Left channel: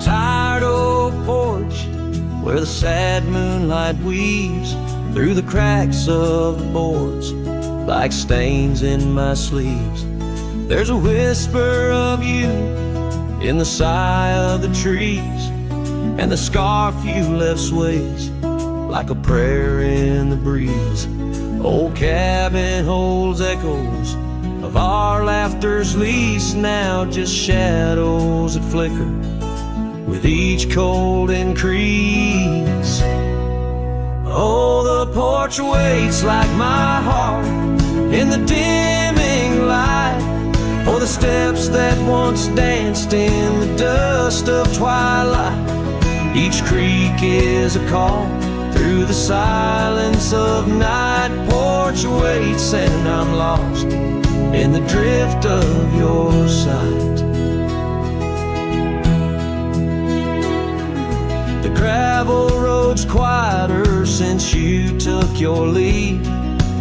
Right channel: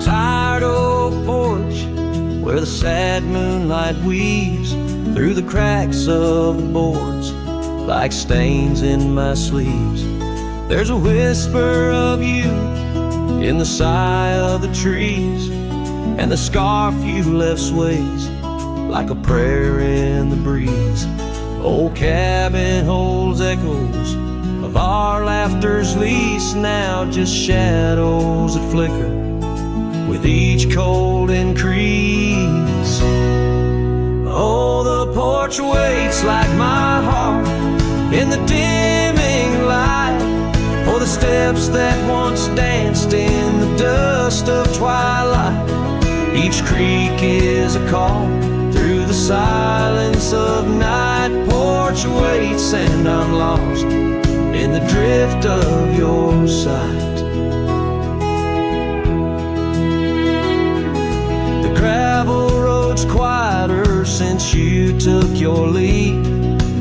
tired old porch where the sad moonlight weaves through the cracks of the boards like stains in my sleeves. There's a whisper of you in the sigh of the trees, and the scarf you left sways like a prayer in the breeze. Old cabin holds echoes of our laughter's lease, now just shadows that flicker with each cold increase. Oh, the porch waits like my heart in the dimming light for the steps that once danced in the dust of twilight. Each creak is a call through the silence of night. Porch waits and I'm lost in the drift of your sight. The gravel road's quieter since you took your leave,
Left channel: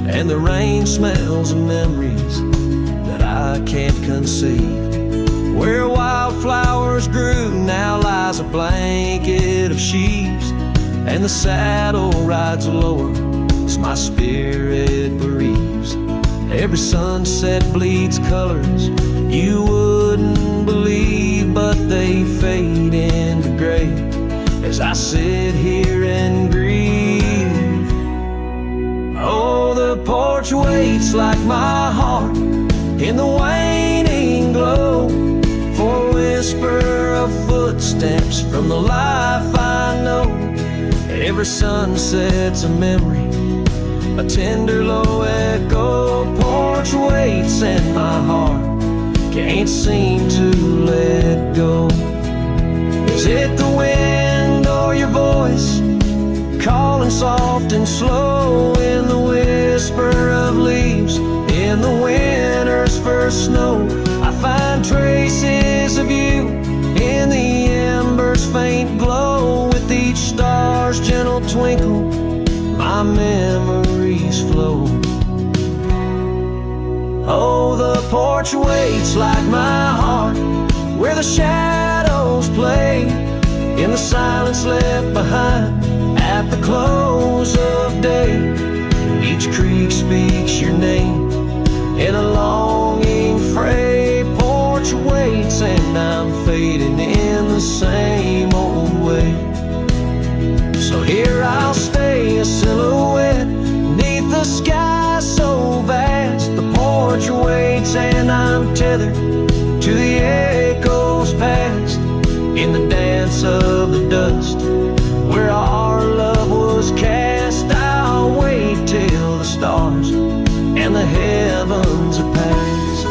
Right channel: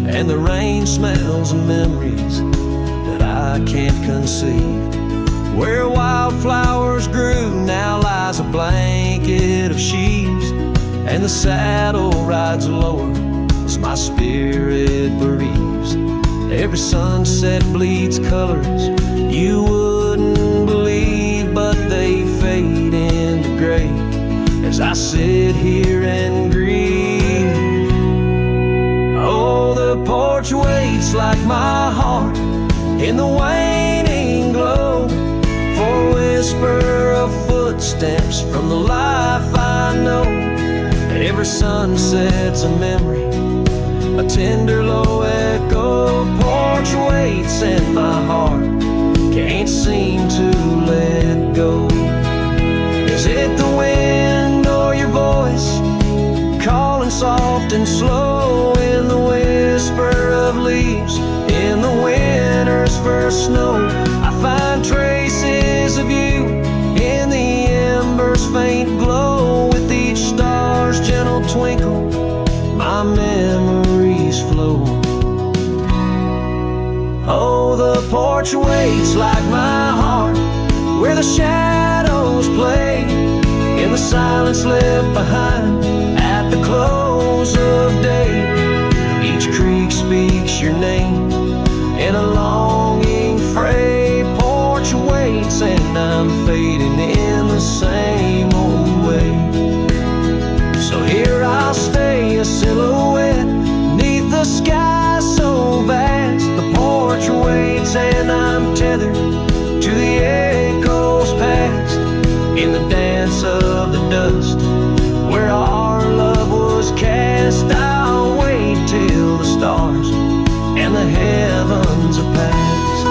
and the rain smells of memories that I can't conceive. Where wildflowers grew now lies a blanket of sheaves, and the saddle rides lower as my spirit bereaves. Every sunset bleeds colors you wouldn't believe, but they fade into gray as I sit here and grieve. Oh, the porch waits like my heart in the waning glow for a whisper of footsteps from the life I know. Every sunset's a memory, a tender low echo. Porch waits and my heart can't seem to let go. Is it the wind or your voice calling soft and slow in the whisper of leaves in the winter's first snow? I find traces of you in the embers' faint glow. With each star's gentle twinkle, my memories flow. Oh, the porch waits like my heart where the shadows play in the silence left behind at the close of day. Each creek speaks your name in a longing fray. Porch waits and I'm fading in the same old way. So here I'll stay, a silhouette neath the sky so vast. The porch waits and I'm tethered to the echoes past. In the dance of the dust where our love was cast, I'll wait till the stars and the heavens are past.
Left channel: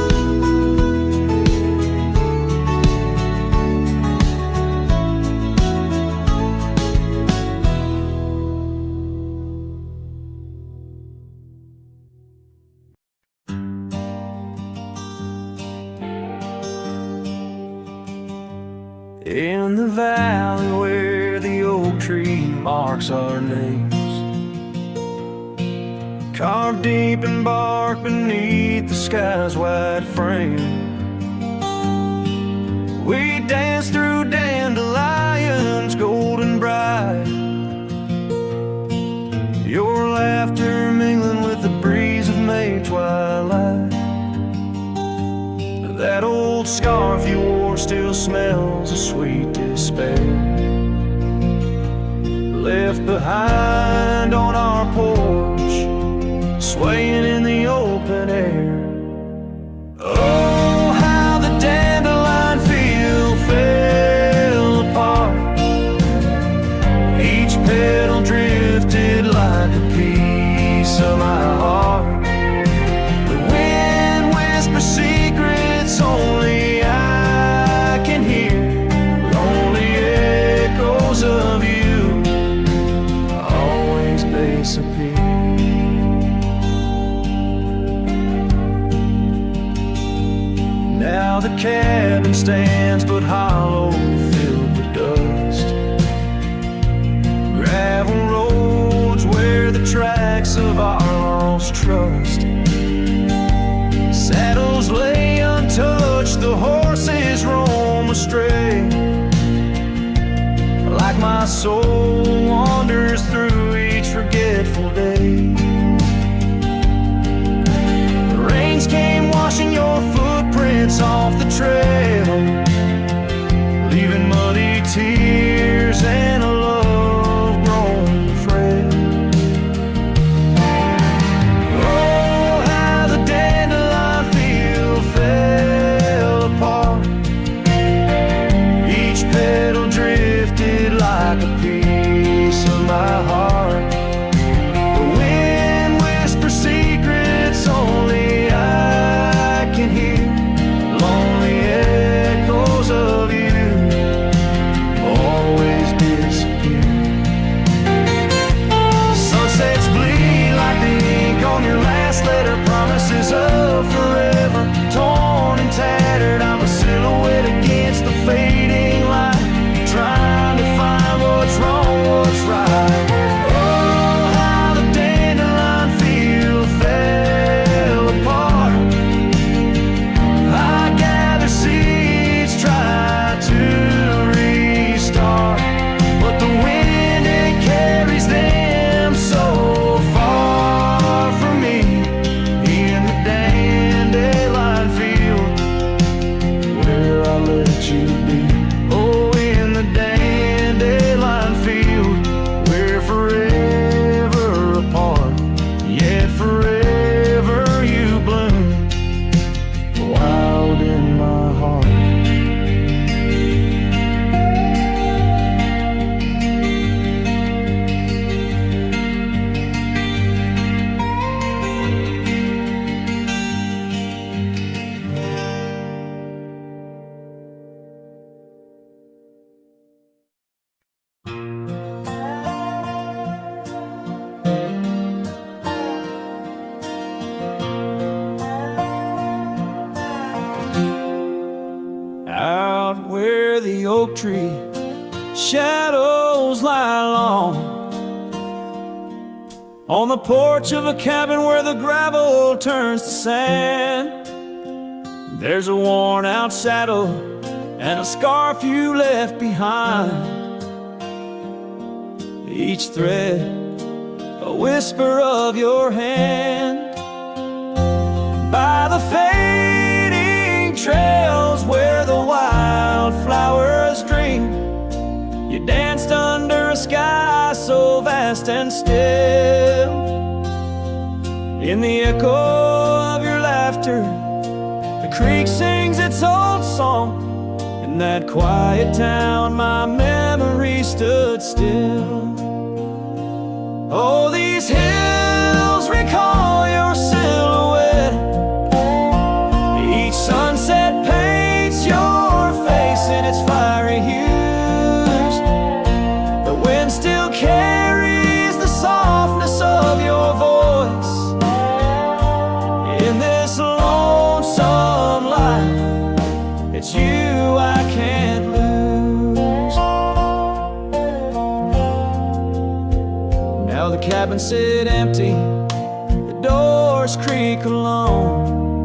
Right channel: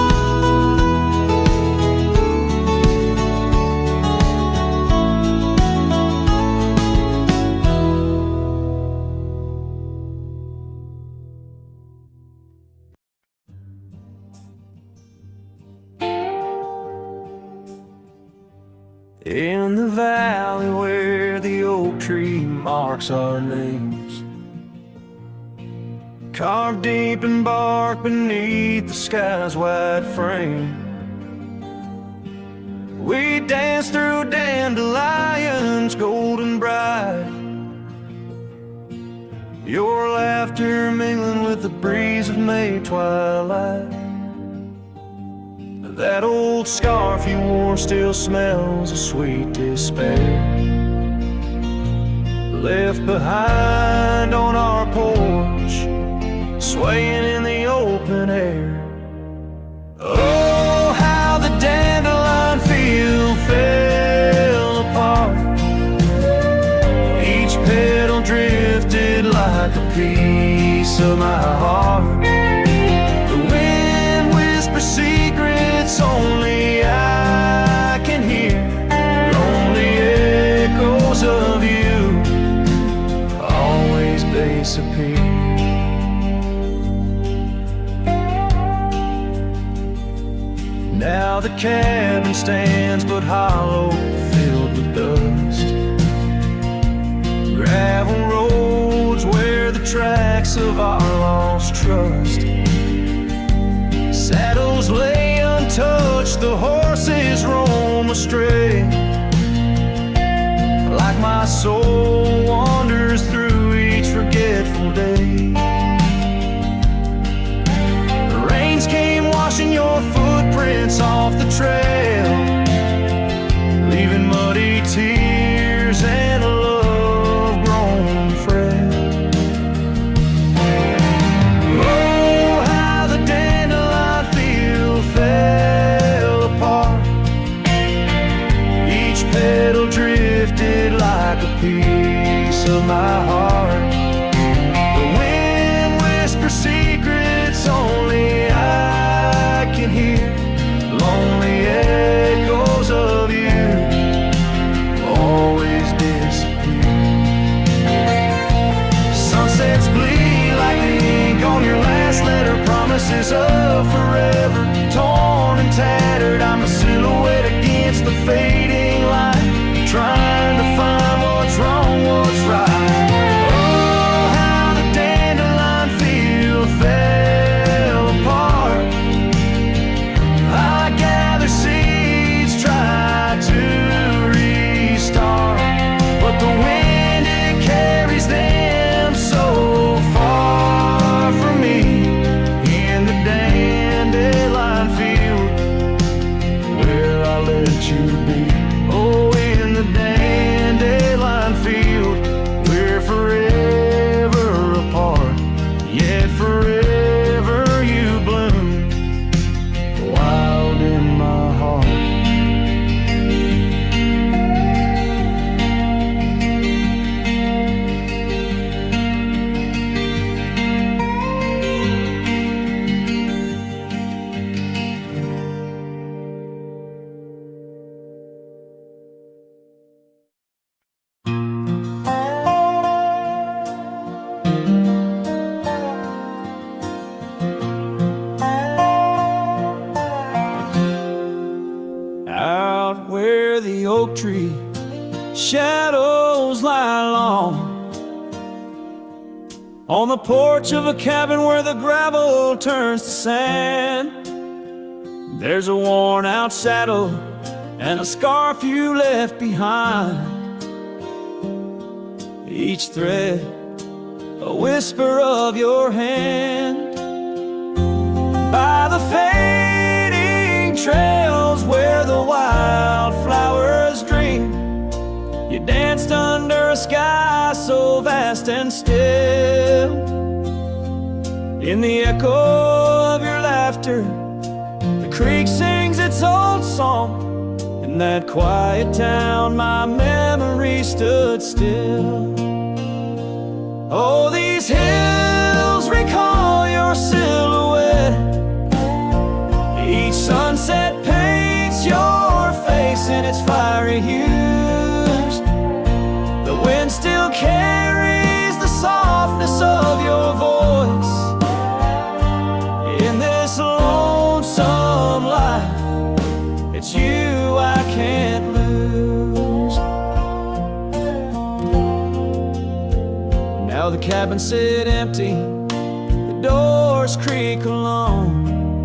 In the valley where the oak tree marks our names, carved deep in bark beneath the sky's wide frame, we dance through dandelions golden bright, your laughter mingling with the breeze of May twilight. That old scarf you wore still smells of sweet despair, left behind on our porch, swaying in the open air. Oh, how the dandelion field fell apart, each petal drifted like a piece of my heart. The wind whispers secrets only I can hear, lonely echoes of you always disappear. Now the cabin stands but hollow, filled with dust, gravel roads where the tracks of our lost trust. Saddles lay untouched, the horses roam astray, my soul wanders through each forgetful day. Rains came washing your footprints off the trail, leaving muddy tears and a love grown frail. Oh, how the dandelion field fell apart. Each petal drifted like a piece of my heart. The wind whispers secrets only I can hear, lonely echoes of you always disappear. Sunsets bleed like the ink on your last letter, promises of forever, torn and tattered. I'm a silhouette against the fading light, trying to find what's wrong, what's right. Oh, how the dandelion field fell apart. I gather seeds, try to restart, but the wind, it carries them so far from me. In the dandelion field where I let you be. Oh, in the dandelion field we're forever apart, yet forever you bloom wild in my heart. Out where the oak tree shadows lie long, on the porch of a cabin where the gravel turns to sand, there's a worn out saddle and a scarf you left behind. Each thread a whisper of your hand. By the fading trails where the wildflowers dream, you danced under a sky so vast and still. In the echo of your laughter, the creek sings its old song. In that quiet town, my memory stood still. Oh, these hills recall your silhouette. Each sunset paints your face in its fiery hues. The wind still carries the softness of your voice. In this lonesome life, it's you I can't lose. Now the cabins sit empty, the doors creak alone.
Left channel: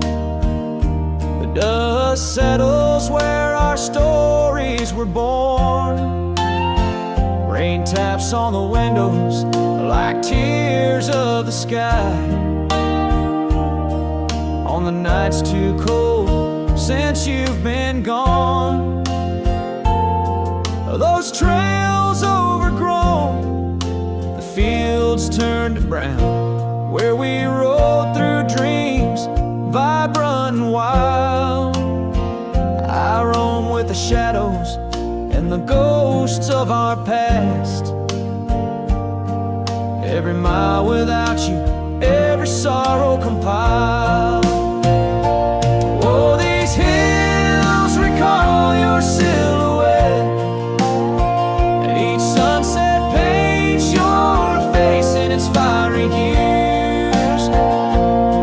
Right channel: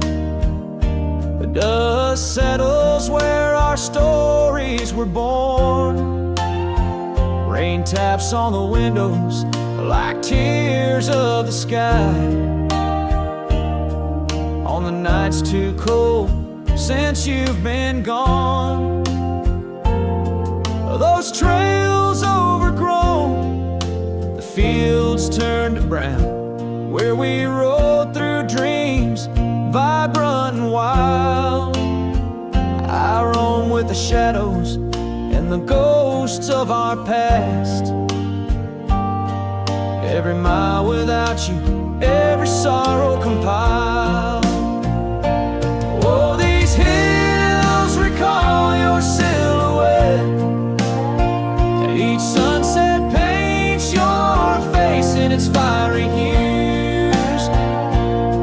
The dust settles where our stories were born. Rain taps on the windows like tears of the sky. On the nights too cold since you've been gone, those trails overgrown, the fields turned to brown, where we rode through dreams vibrant and wild. I roam with the shadows and the ghosts of our past. Every mile without you, every sorrow compiled. Oh, these hills recall your silhouette, and each sunset paints your face in its fiery hues.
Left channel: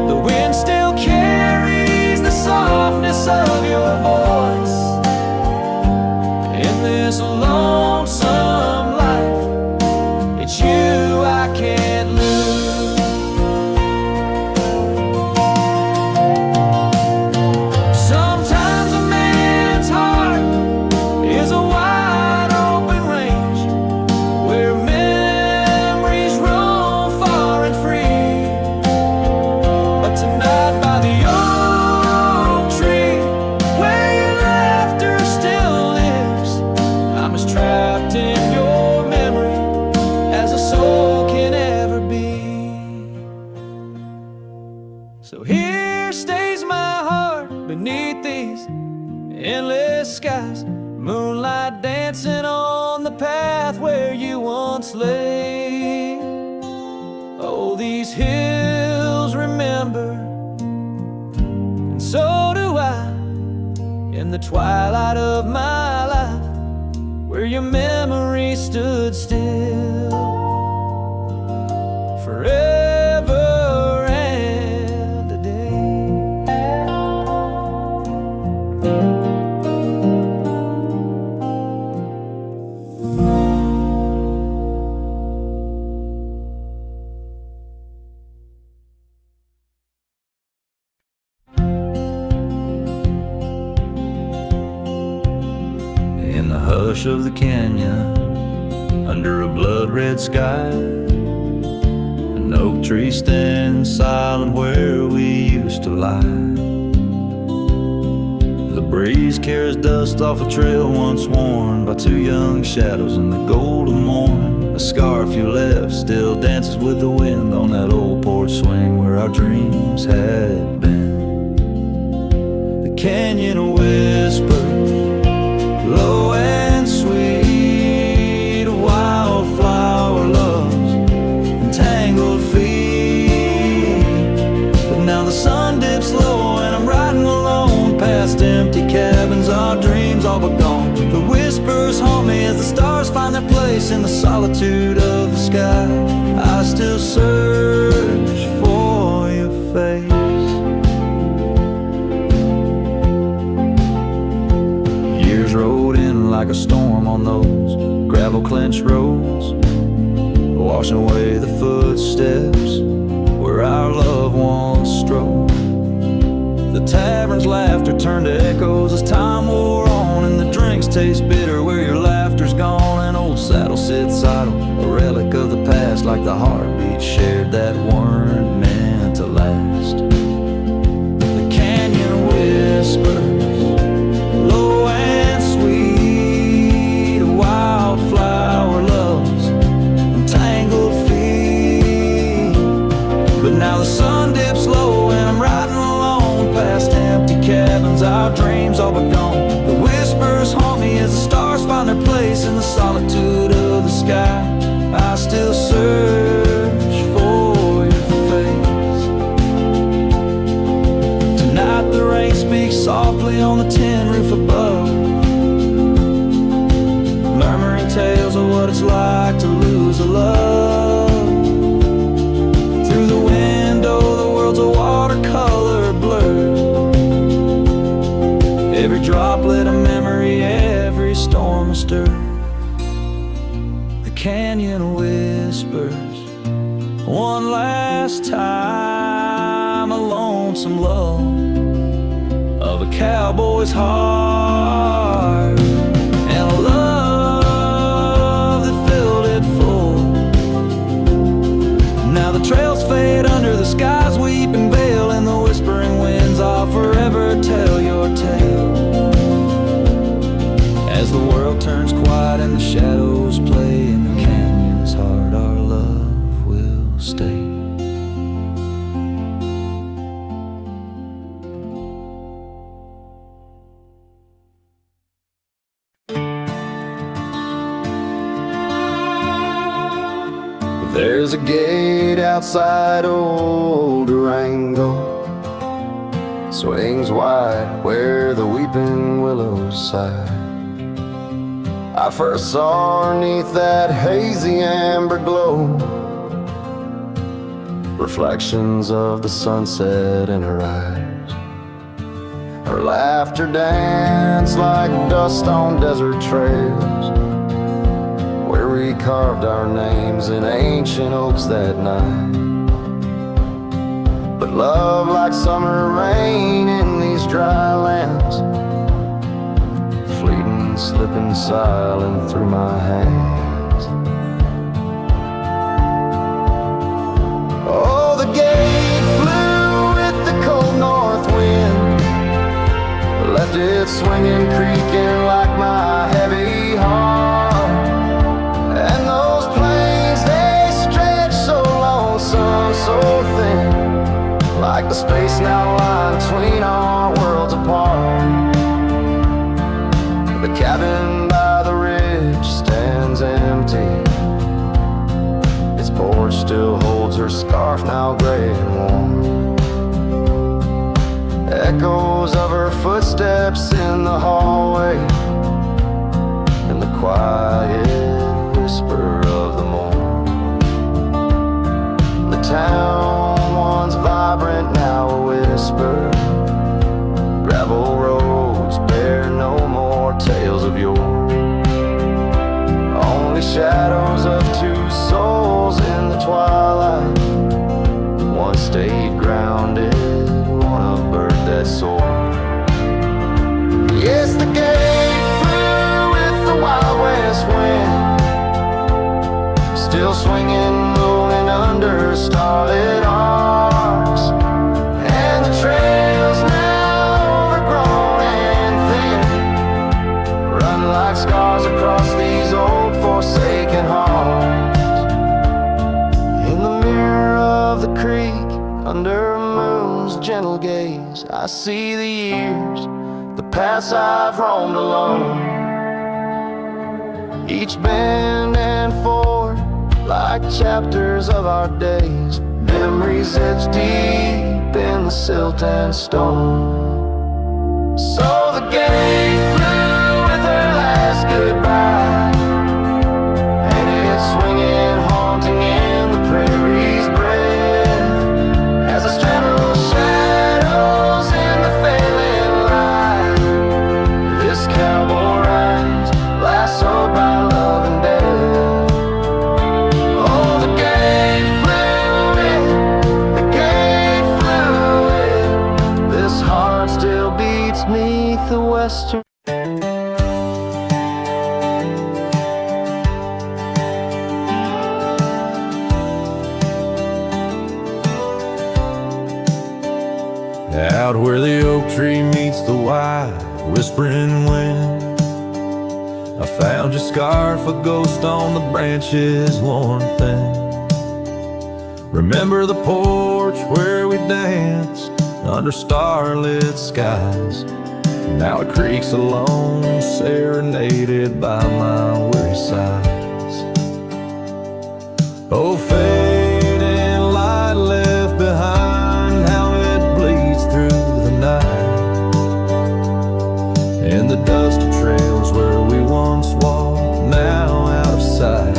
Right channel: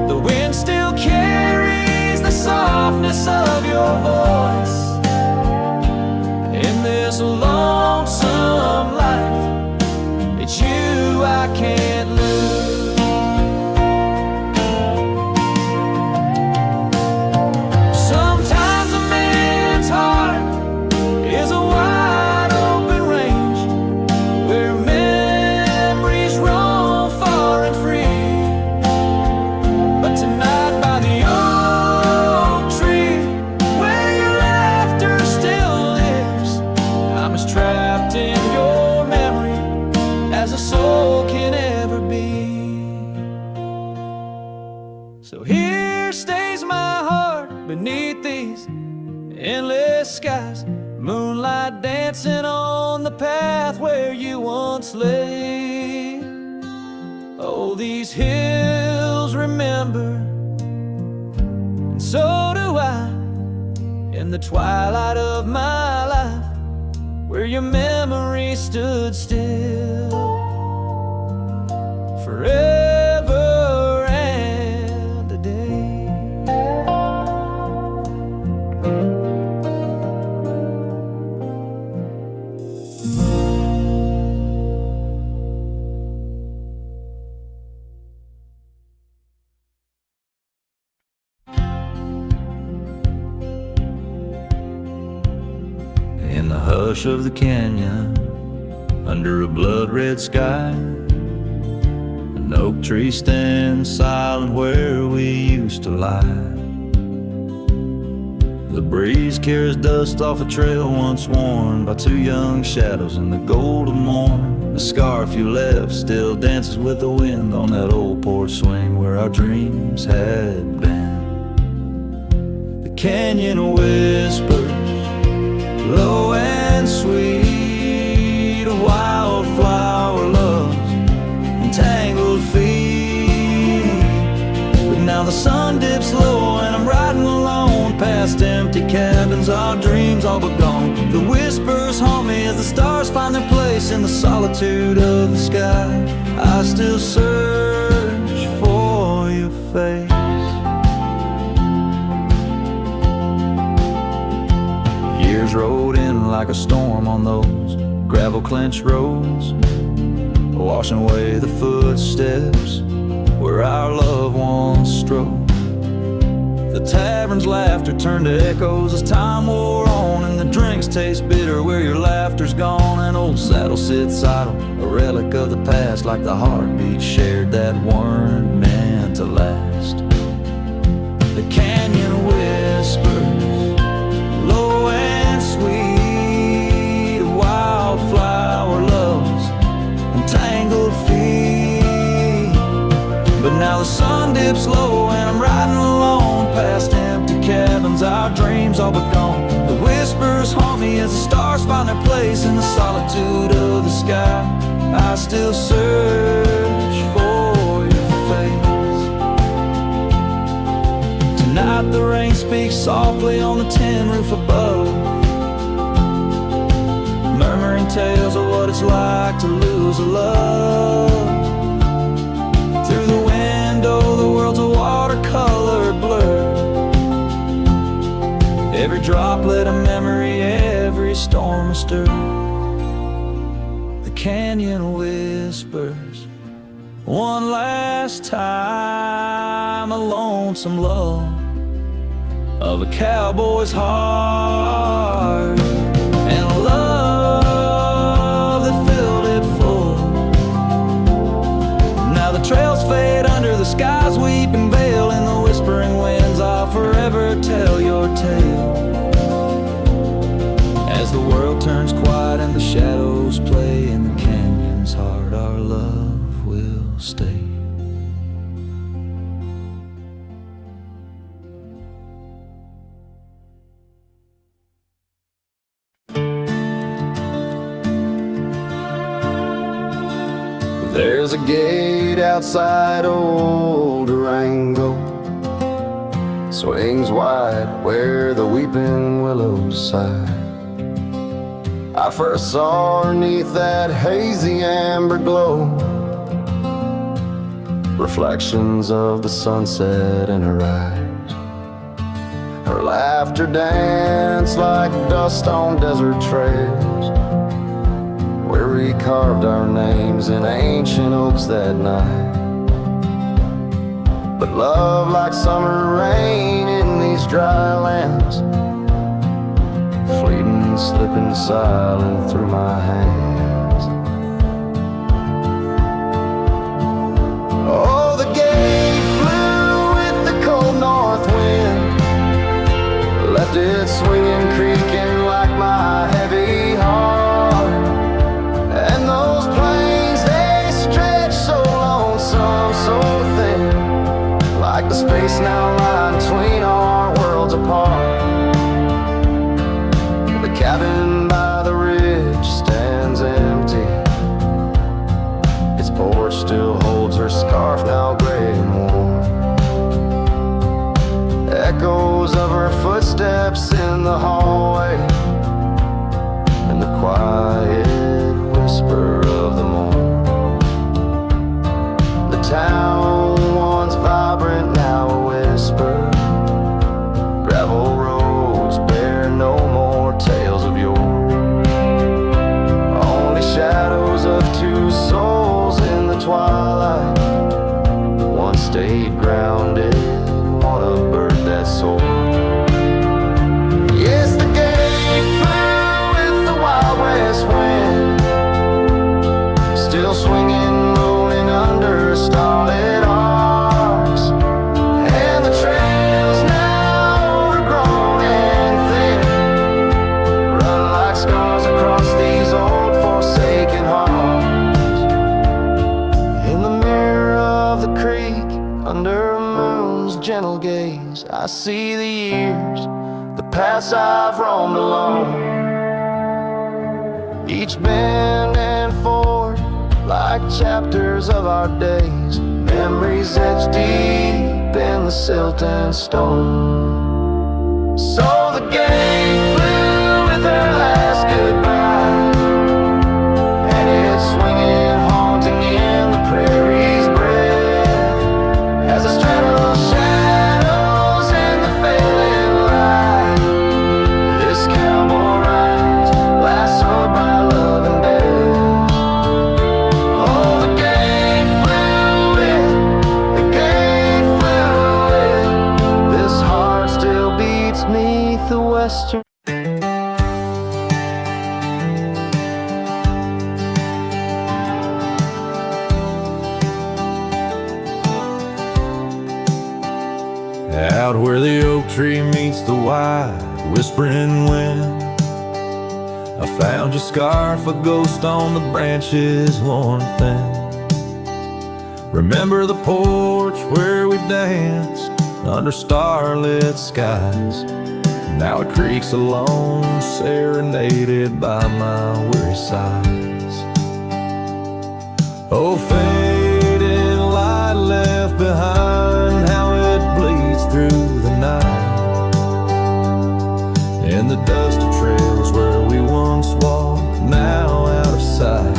The wind still carries the softness of your voice. In this lonesome life, it's you I can't lose. beneath these endless skies, moonlight dancing on the path where you once lay. Oh, these hills remember, and so do I, in the twilight of my life, where your memory stood still forever and a day. In the hush of the canyon, under a blood-red sky, an oak tree stands silent where we used to lie. The breeze carries dust off a trail once worn by two young shadows in the gold of morn. A scarf you left still dances with the wind on that old porch swing where our dreams had been. The canyon whispers, low and sweet, a wildflower loves and tangled feet. But now the sun dips low and I'm riding alone past empty cabins, our dreams all but gone. The whispers haunt me as the stars find their place in the solitude of the sky. I still search for your face. Years rode in like a storm on those gravel-clenched roads, washing away the footsteps where our loved ones strode. The tavern's laughter turned to echoes as time wore on, and the drinks taste bitter where your laughter's gone. An old saddle sits idle, a relic of the past, like the heartbeats shared that weren't meant to last. The canyon whispers, low and sweet, a wildflower loves and tangled feet. But now the sun dips low and I'm riding alone past empty cabins, our dreams all but gone. The whispers haunt me as the stars find their place in the solitude of the sky. I still search for your face. Tonight the rain speaks softly on the tin roof above, murmuring tales of what it's like to lose a love. Through the window the world's a watercolor blur, every droplet a memory, every storm a stir. The canyon whispers one last time, a lonesome lull of a cowboy's heart, and a love that filled it full. Now the trails fade under the sky's weeping veil, and the whispering winds, I'll forever tell your tale. As the world turns quiet and the shadows play in the canyon's heart, our love will stay. There's a gate outside old Durango, swings wide where the weeping willows sigh. I first saw her 'neath that hazy amber glow, reflections of the sunset in her eyes. Her laughter danced like dust on desert trails, where we carved our names in ancient oaks that night. But love, like summer rain in these dry lands, fleeting, slipping silent through my hands. Oh, the gate flew with the cold north wind, left it swinging, creaking like my heavy heart. And those plains, they stretch so lonesome, so thin, like the space now lying between our worlds apart. The cabin by the ridge stands empty. Its porch still holds her scarf, now gray and warm. Echoes of her footsteps in the hallway, and the quiet whisper of the morn. The town, once vibrant, now a whisper. Gravel roads bear no more tales of yore. Only shadows of two souls in the twilight. One stayed grounded, one a bird that soared. Yes, the gate flew with the Wild West wind, still swinging, moaning under starlit arcs. And the trails now overgrown and thin run like scars across these old forsaken hearts. In the mirror of the creek, under a moon's gentle gaze, I see the years, the paths I've roamed alone. Each bend and ford, like chapters of our days, memories etched deep in the silt and stone. So the gate flew with her last goodbye, and it's swinging, haunting in the prairie's breath, as I straddle shadows in the failing light. This cowboy rides, lassoed by love and death. Oh, the gate flew with, this heart still beats 'neath the western. Out where the oak tree meets the wide whispering wind, I found your scarf, a ghost on the branches worn thin. Remember the porch where we danced under starlit skies? Now it creaks alone, serenaded by my weary sighs. Oh, fading light left behind, how it bleeds through the night. And the dust of trails where we once walked, now out of sight.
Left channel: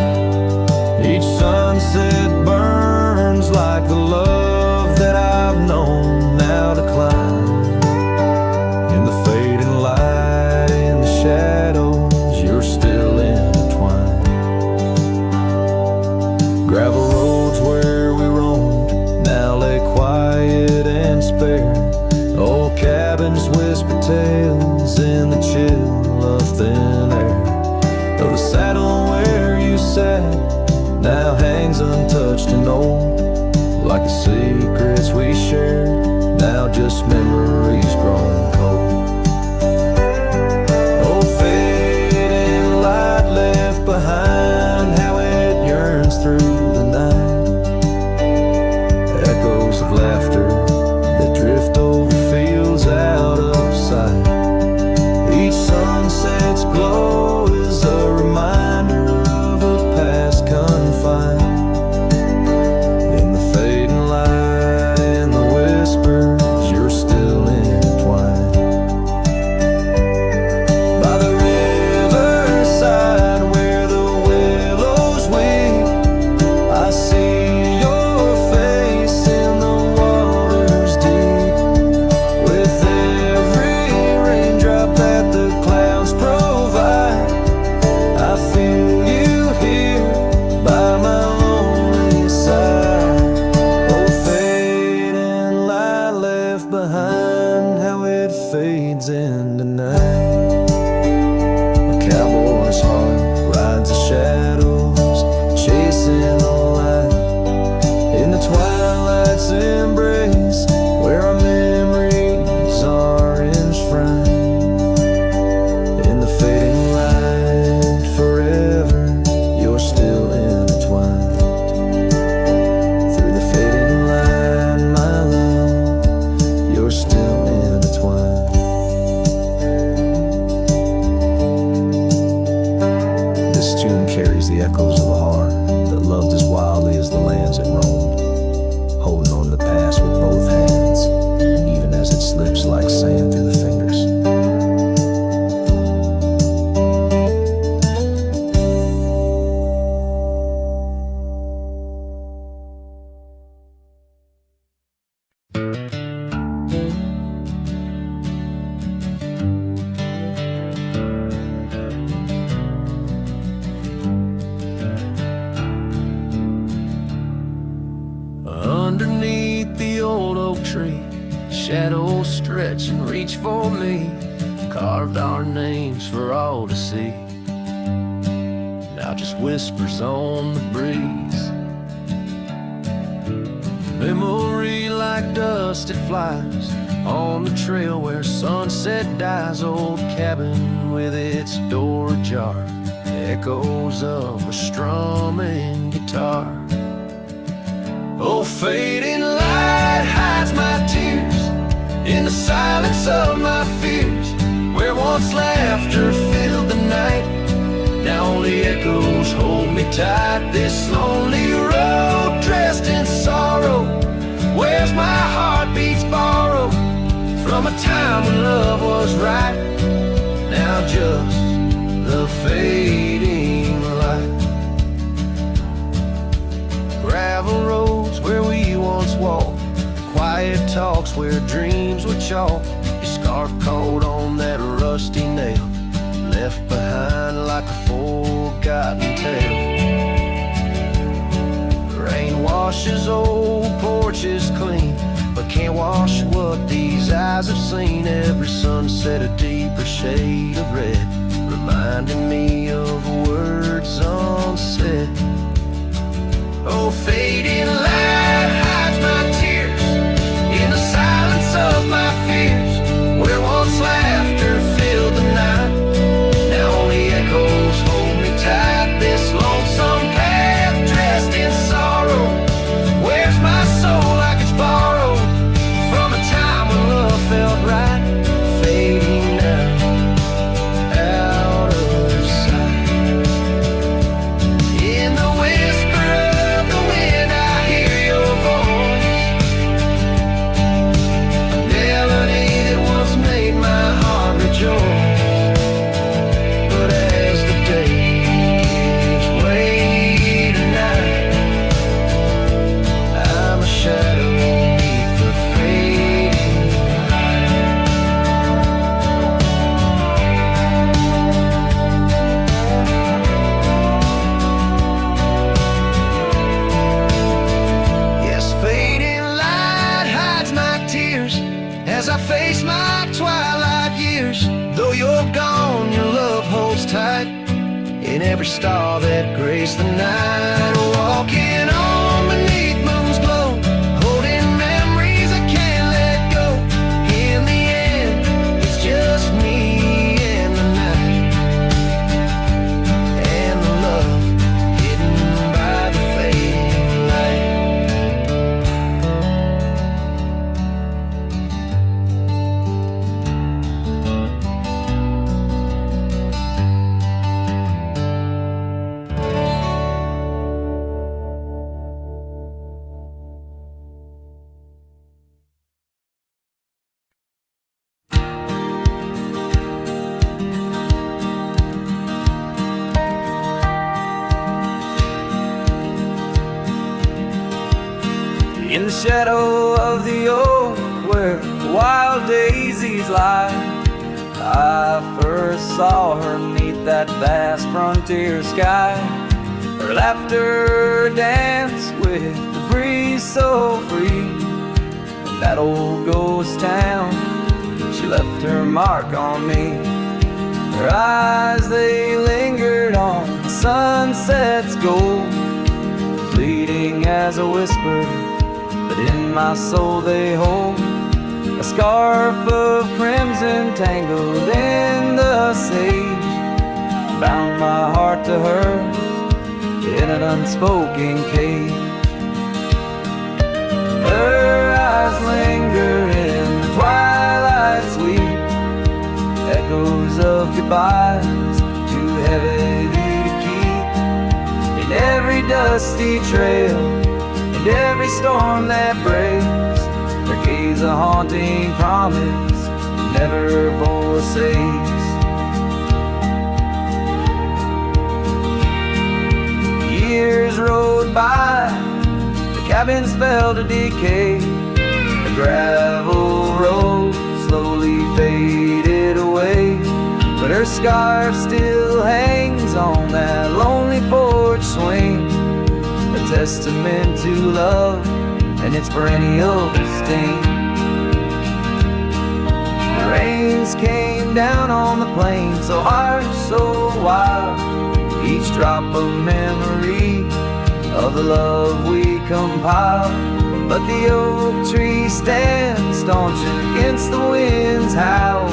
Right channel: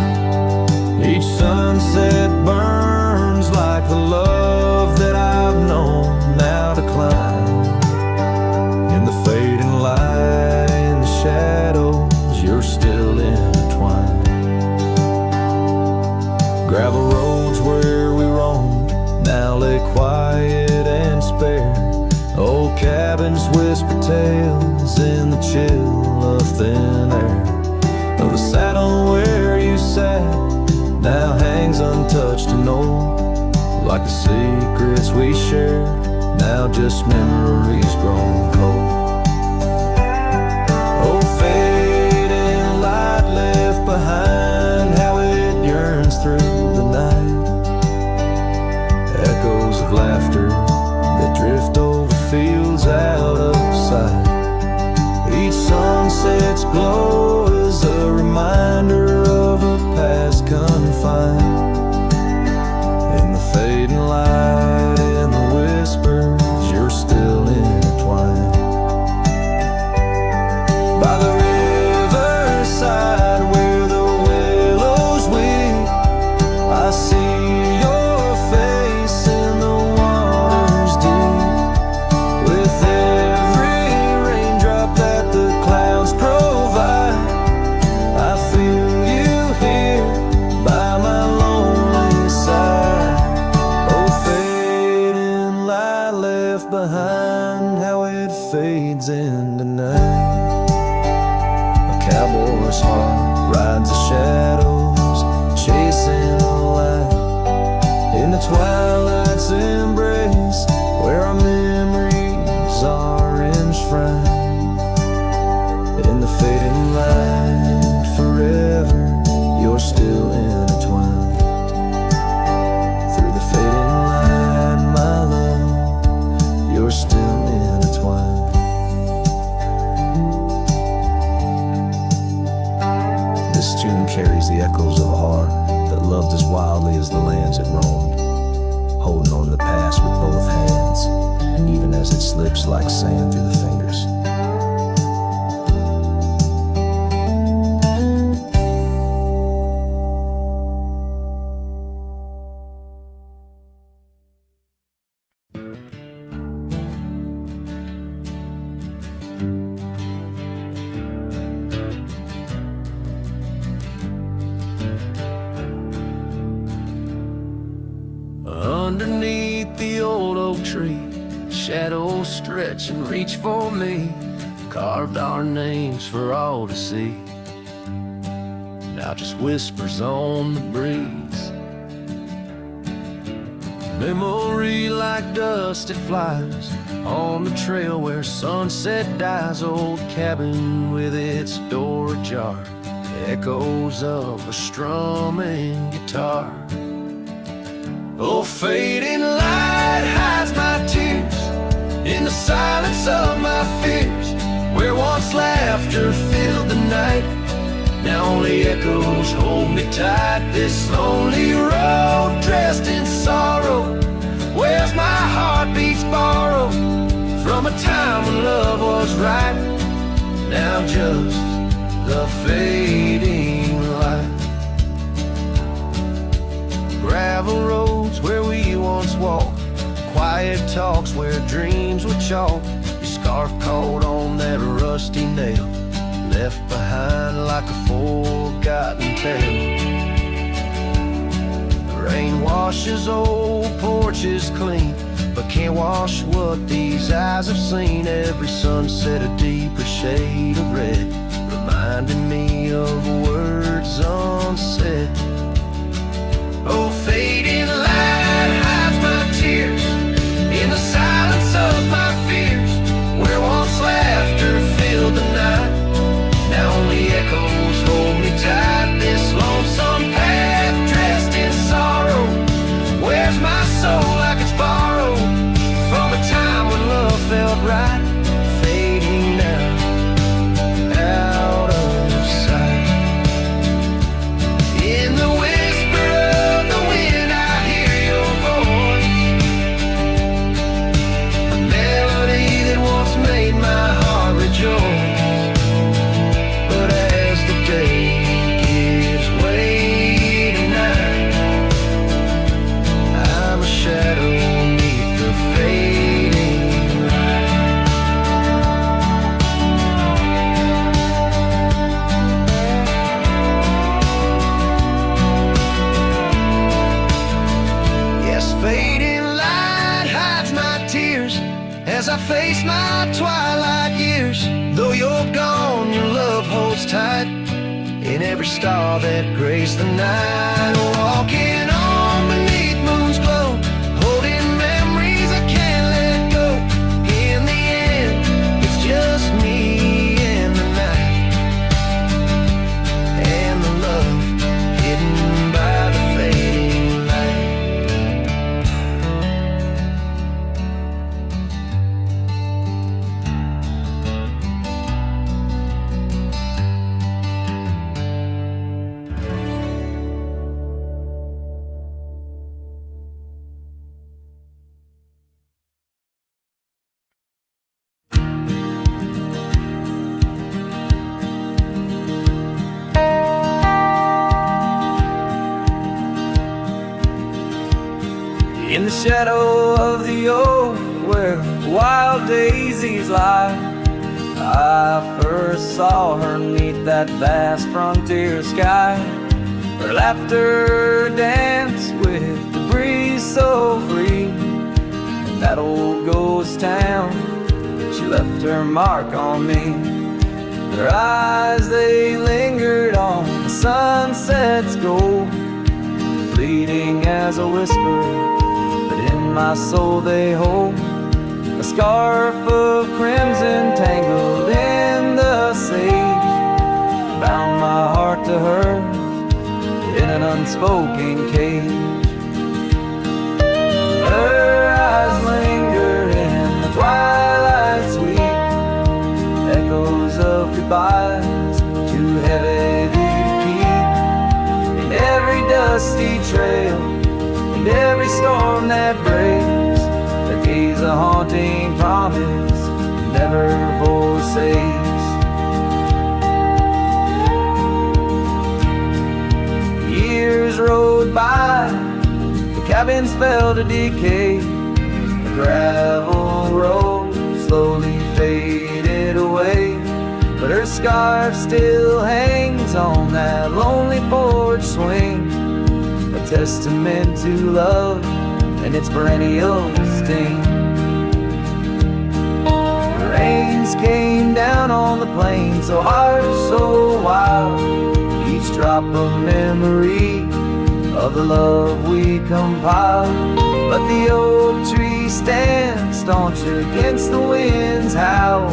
Each sunset burns like the love that I've known, now decline. In the fading light, in the shadows, you're still intertwined. Gravel roads where we roamed now lay quiet and spare. Old cabins whisper tales in the chill of thin air. Though the saddle where you sat now hangs untouched and old, like the secrets we shared, now just memories grown cold. Oh, fading light left behind, how it yearns through the night. Echoes of laughter that drift over fields out of sight. Each sunset's glow is a reminder of a past confined. In the fading light, in the whispers, you're still intertwined. By the riverside where the willows weep, I see your face in the waters deep. With every raindrop that the clouds provide, I feel you here by my lonely side. Oh, fading light left behind, how it fades into night. A cowboy's heart rides the shadows, chasing the light. In the twilight's embrace, where our memories are enshrined. In the fading light, forever, you're still intertwined. Through the fading light, my love, intertwine. This tune carries the echoes of a heart that loved as wildly as the lands it roamed, holding on to the past with both hands, even as it slips like sand through the fingers. Underneath the old oak tree, shadows stretch and reach for me, carved our names for all to see. Now just whispers on the breeze. Memory like dust, it flies on the trail where sunset dies. Old cabin with its door ajar, the echoes of a strumming guitar. Oh, fading light hides my tears in the silence of my fears. Where once laughter filled the night, now only echoes hold me tight. This lonely road dressed in sorrow, where's my heartbeats borrowed from a time when love was right. Now just the fading light. Gravel roads where we once walked, quiet talks where dreams were chalked. Your scarf caught on that rusty nail, left behind like a forgotten tale. Rain washes old porches clean, but can't wash what these eyes have seen. Every sunset a deeper shade of red, reminding me of words unsaid. Oh, fading light hides my tears in the silence of my fears. Where once laughter filled the night, now only echoes hold me tight. This lonesome path dressed in sorrow, where's my soul like it's borrowed from a time when love felt right. Fading now, out of sight. In the whisper of the wind I hear your voice, a melody that once made my heart rejoice. But as the day gives way to night, I'm a shadow beneath the fading light. Yes, fading light hides my tears as I face my twilight years. Though you're gone, your love holds tight in every star that graced the night. Walking on beneath moon's glow, holding memories I can't let go. In the end, it's just me and the night, and the love hidden by the fading light. In the shadow of the oak where wild daisies lie, I first saw her 'neath that vast frontier sky. Her laughter danced with the breeze so free. In that old ghost town, she left her mark on me. Her eyes, they lingered on the sunset's gold, fleeting as a whisper, but in my soul they hold a scarf of crimson tangled in the sage, bound my heart to hers in an unspoken cage. Her eyes linger in the twilight's echoes of goodbyes, too heavy to keep. In every dusty trail and every storm that breaks, there gaze a haunting promise that never forsakes. Years rode by, the cabins fell to decay. The gravel road slowly faded away, but her scarf still hangs on that lonely porch swing, a testament to love and its perennial sting. The rains came down on the plain, so harsh, so wild, each drop a memory of the love we compiled. But the oak tree stands staunch against the wind's howl.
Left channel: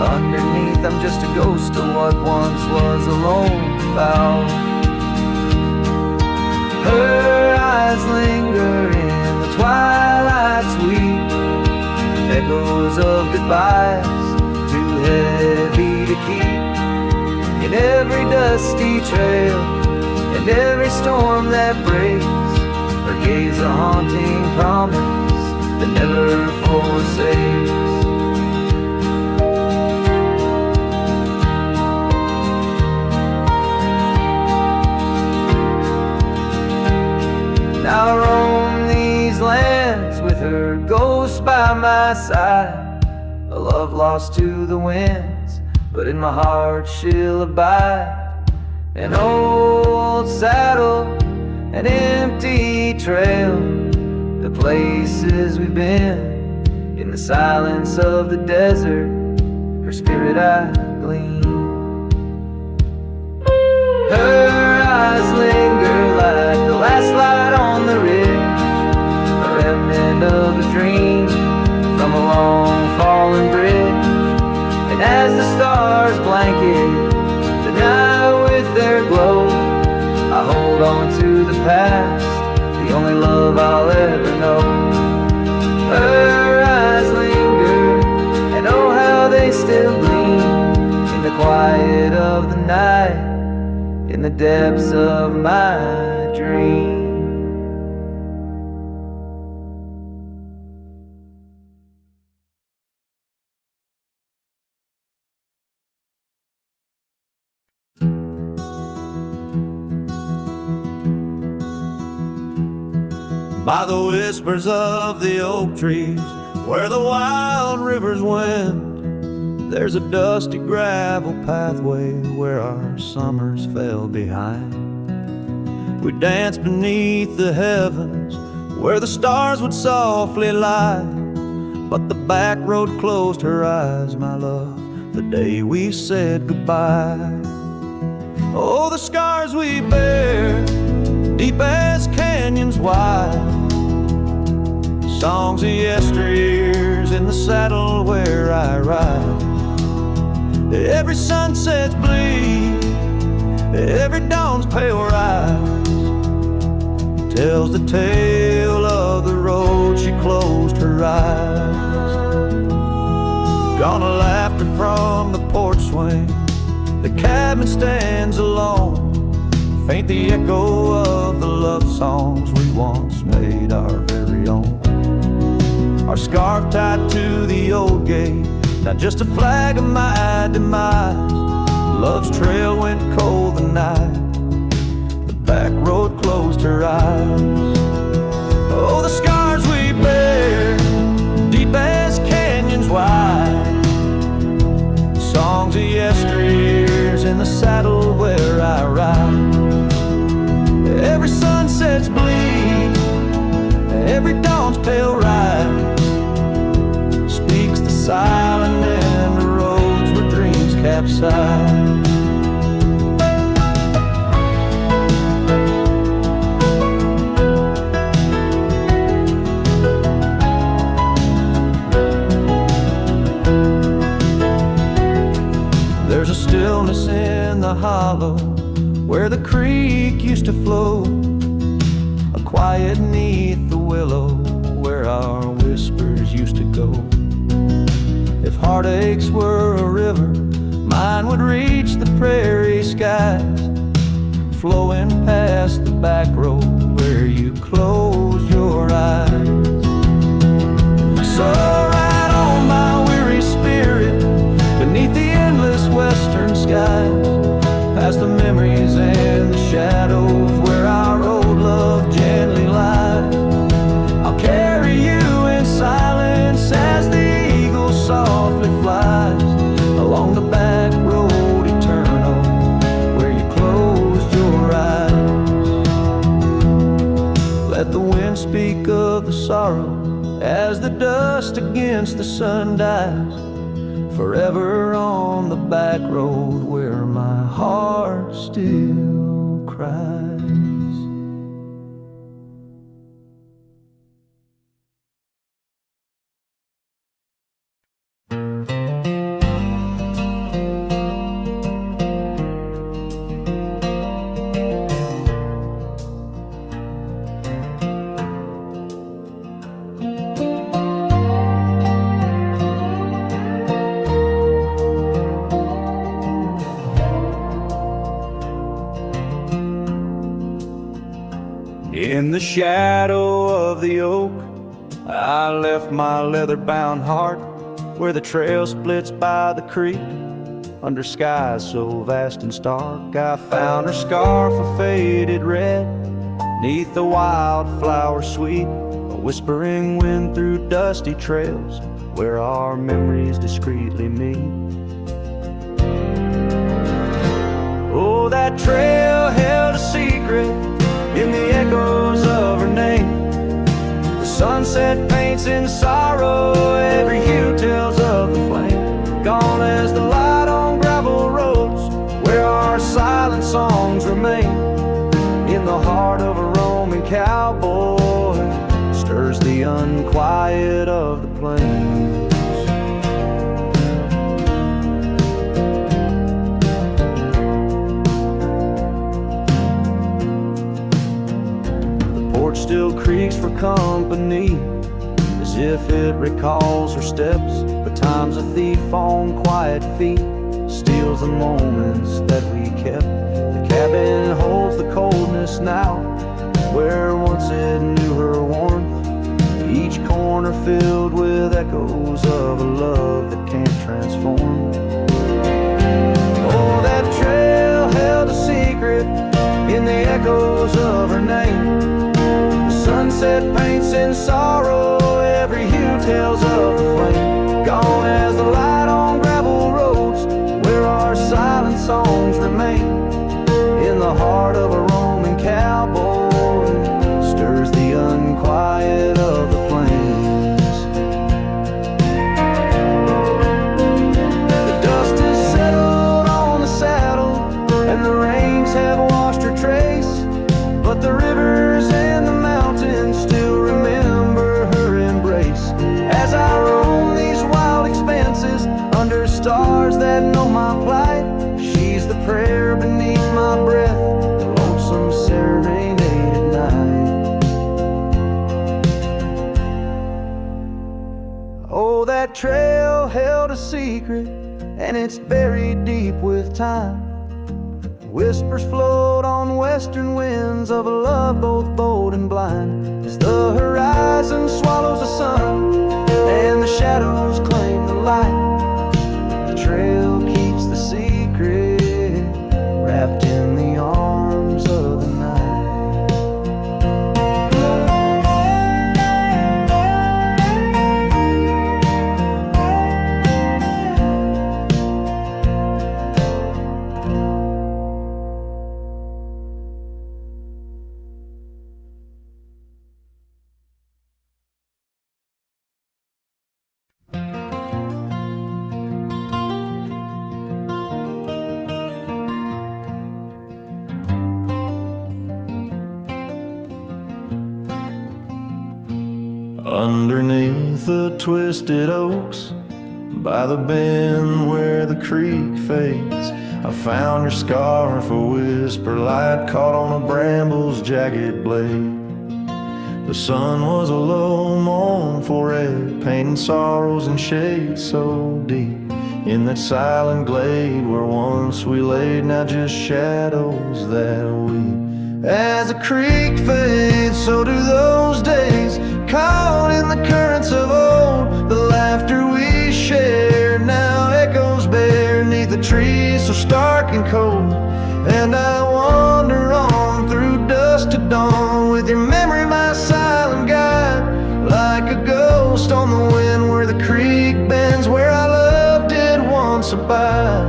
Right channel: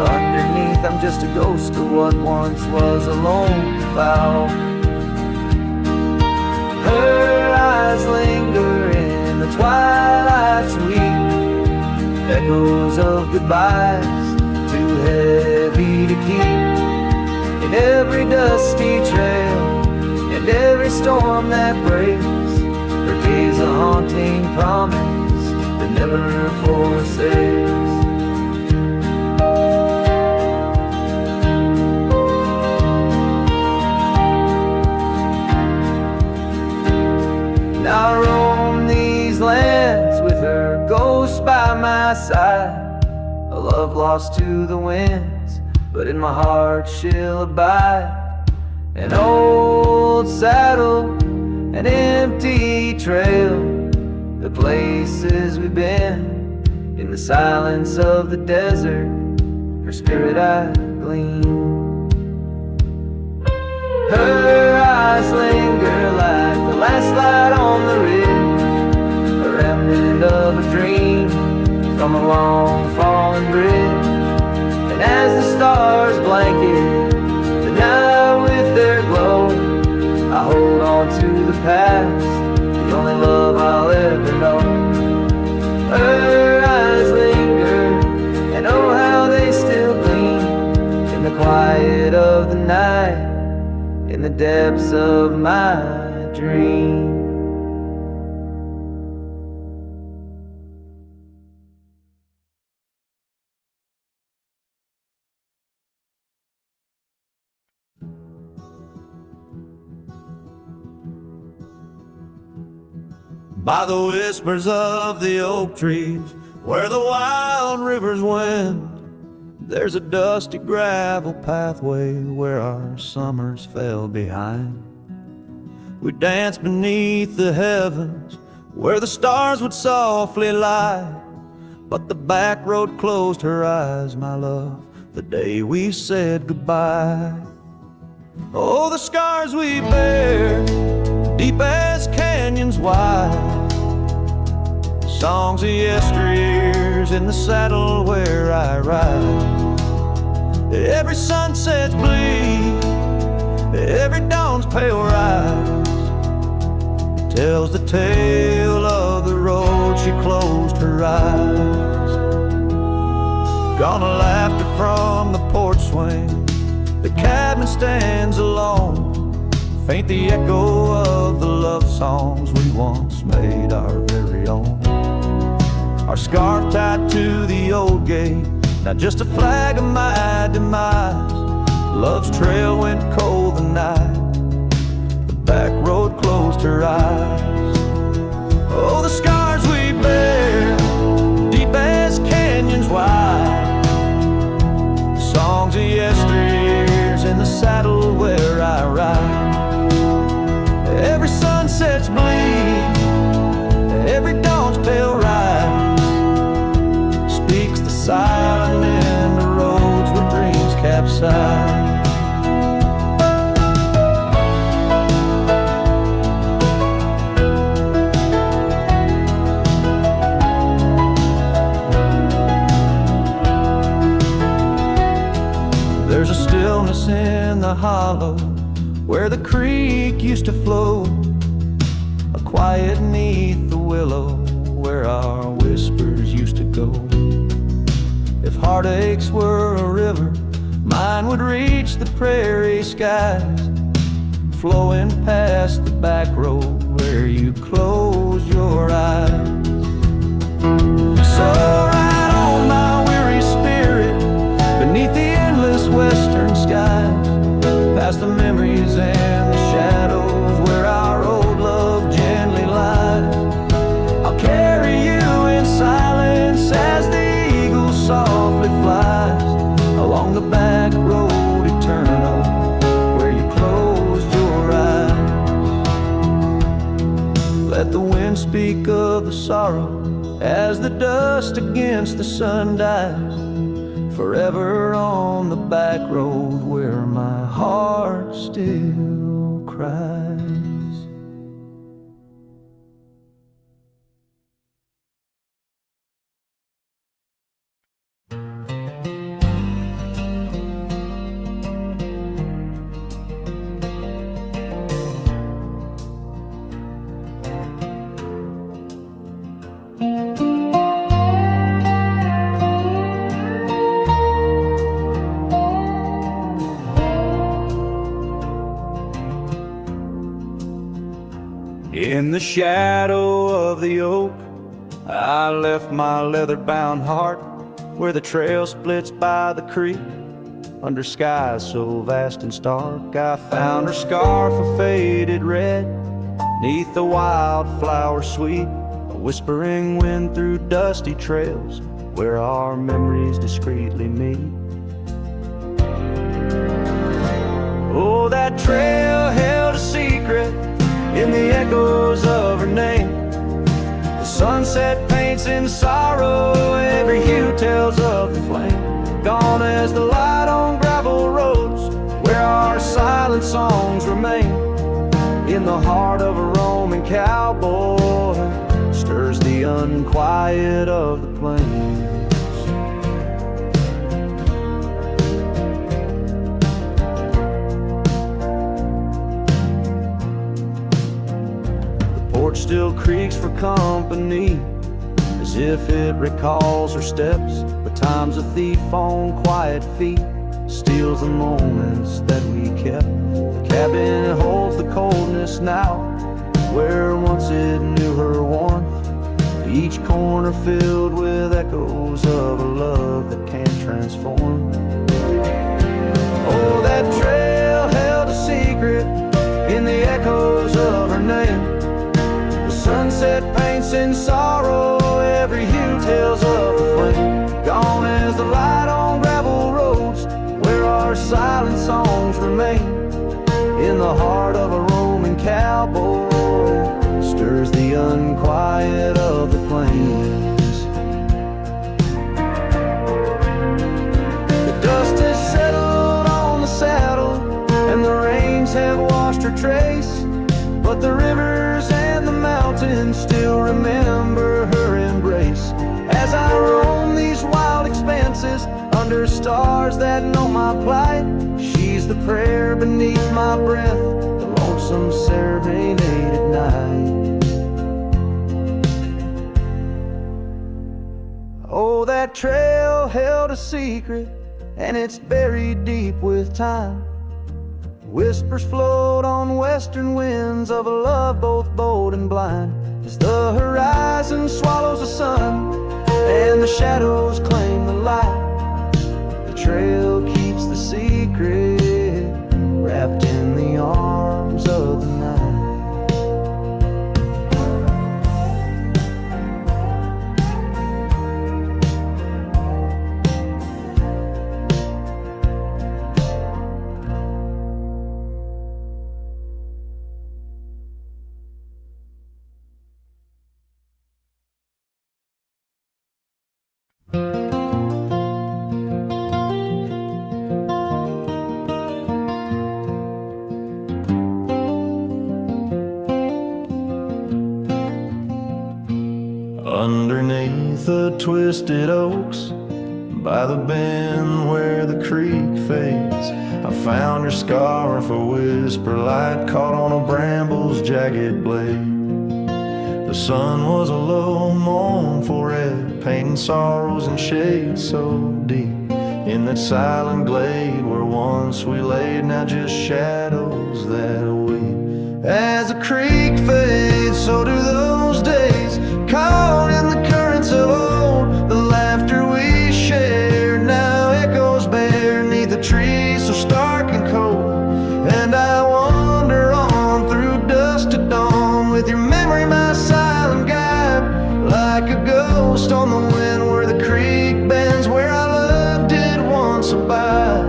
Underneath I'm just a ghost of what once was a lone fowl. Her eyes linger in the twilight sweet, echoes of goodbyes, too heavy to keep. In every dusty trail and every storm that breaks, her gaze a haunting promise that never forsakes. Now I roam these lands with her ghost by my side, a love lost to the winds, but in my heart she'll abide. An old saddle, an empty trail, the places we've been, in the silence of the desert, her spirit I glean. Her eyes linger like the last light on the ridge, a remnant of a dream from a long fallen bridge. And as the stars blanket the night with their glow, I hold on to the past, the only love I'll ever know. Her eyes linger, and oh how they still gleam, in the quiet of the night, in the depths of my dream. By the whispers of the oak trees, where the wild rivers wend, there's a dusty gravel pathway where our summers fell behind. We danced beneath the heavens where the stars would softly lie, but the back road closed her eyes, my love, the day we said goodbye. Oh, the scars we bear, deep as canyons wide, songs of yesteryears in the saddle where I ride. Every sunset's bleed, every dawn's pale rise, tells the tale of the road she closed her eyes. Gone a laughter from the porch swing, the cabin stands alone, faint the echo of the love songs we once made our very own. Our scarf tied to the old gate, not just a flag of my demise. Love's trail went cold the night, the back road closed her eyes. Oh, the scars we bear, deep as canyons wide, songs of yesteryears in the saddle where I ride. Every sunset's bleed, every dawn's pale rise, speaks the silent in the roads where dreams capsize. There's a stillness in the hollow where the creek used to flow, a quiet neath the willow where our whispers used to go. If If heartaches were a river, mine would reach the prairie skies, flowing past the back road where you closed your eyes. So ride on my weary spirit beneath the endless western skies, past the memories and the shadows where our old love gently lies. I'll carry you in silence as the eagle softly flies along the back road eternal where you closed your eyes. Let the wind speak of the sorrow as the dust against the sun dies, forever on the back road where my heart still cries. In the shadow of the oak, I left my leather-bound heart where the trail splits by the creek. Under skies so vast and stark, I found her scarf of faded red. Neath the wildflower sweet, a whispering wind through dusty trails where our memories discreetly meet. Oh, that trail held a secret in the echoes of her name. The sunset paints in sorrow, every hue tells of the flame. Gone as the light on gravel roads where our silent songs remain. In the heart of a roaming cowboy stirs the unquiet of the plains. Porch still creaks for company, as if it recalls her steps. But time's a thief on quiet feet, steals the moments that we kept. The cabin holds the coldness now, where once it knew her warmth. Each corner filled with echoes of a love that can't transform. Oh, that trail held a secret in the echoes of her name. Sunset paints in sorrow, every hue tells of the flame. Gone as the light on gravel roads where our silent songs remain. In the heart of a roaming cowboy stirs the unquiet of the plains. The dust has settled on the saddle and the rains have washed her trace, but the rivers and the mountains still remember her embrace. As I roam these wild expanses under stars that know my plight, she's the prayer beneath my breath, the lonesome serenade at night. Oh, that trail held a secret, and it's buried deep with time. Whispers float on western winds of a love both bold and blind, as the horizon swallows the sun and the shadows claim the light. The trail keeps the secret wrapped in the arms of the night. Underneath the twisted oaks, by the bend where the creek fades, I found your scarf, a whisper light caught on a bramble's jagged blade. The The sun was a low mournful red, painting sorrows in shades so deep. In that silent glade where once we laid, now just shadows that weep. As the creek fades, so do those days, caught in the currents of old. The laughter we shared now echoes bare neath the trees so stark and cold. And I wander on through dusk to dawn, with your memory my silent guide, like a ghost on the wind where the creek bends, where our love did once abide.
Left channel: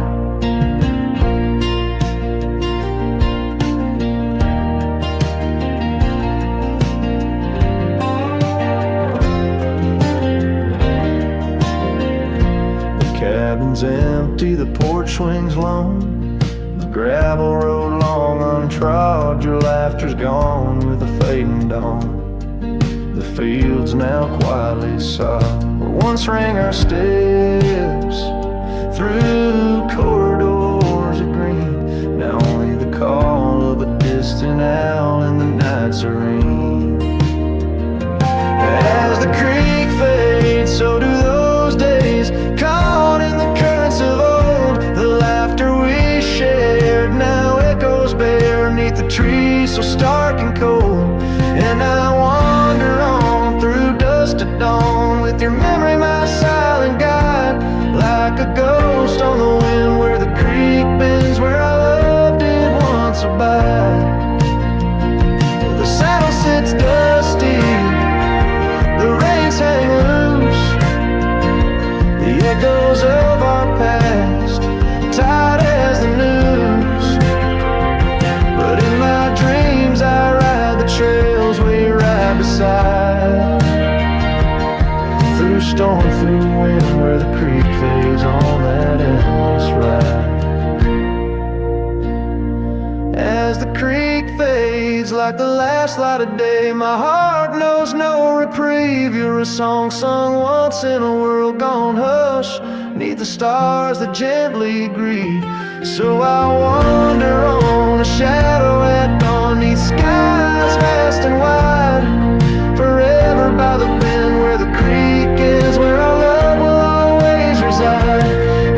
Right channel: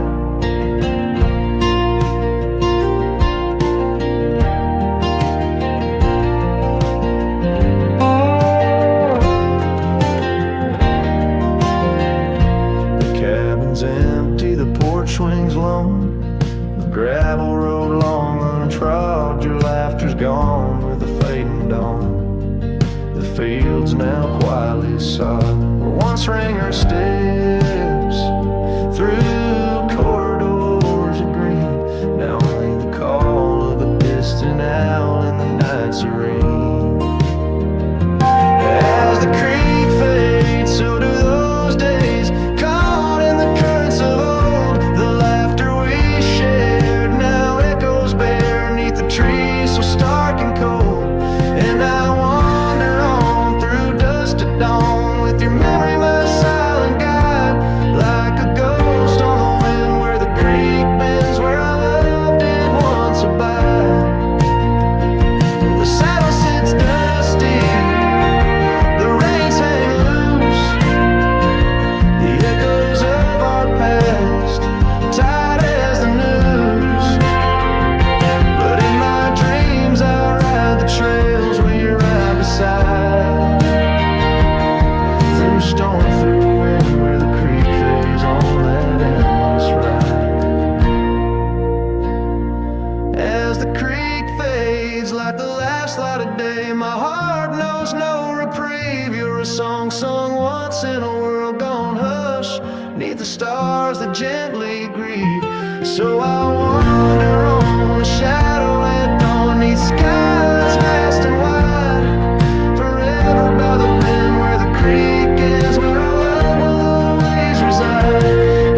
The cabin's empty, the porch swings lone, the gravel road long untrod. Your laughter's gone with the fading dawn. The fields now quietly sod, where once rang our steps through corridors of green. Now only the call of a distant owl in the night serene. As the creek fades, so do those days, caught in the currents of old. The laughter we shared now echoes bare neath the trees so stark and cold. And I wander on through dusk to dawn, with your memory my silent guide, like a ghost on the wind where the creek bends, where our love did once abide. The saddle sits dusty, the reins hang loose, the echoes of our past tied as the noose. But in my dreams I ride the trails where you ride beside, through storm, through wind, where the creek fades on that endless ride. As the creek fades like the last light of day, my heart knows no reprieve. You're a song sung once in a world gone hush, neath the stars that gently grieve. So I wander on, a shadow at dawn, neath skies vast and wide, forever by the bend where the creek ends, where our love will always reside.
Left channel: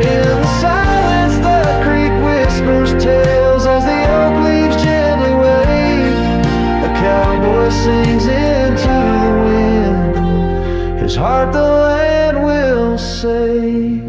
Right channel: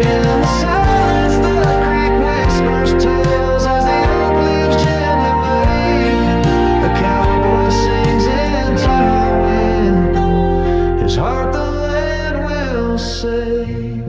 In the silence the creek whispers tales as the oak leaves gently wave. A cowboy sings into the wind, his heart the land will save.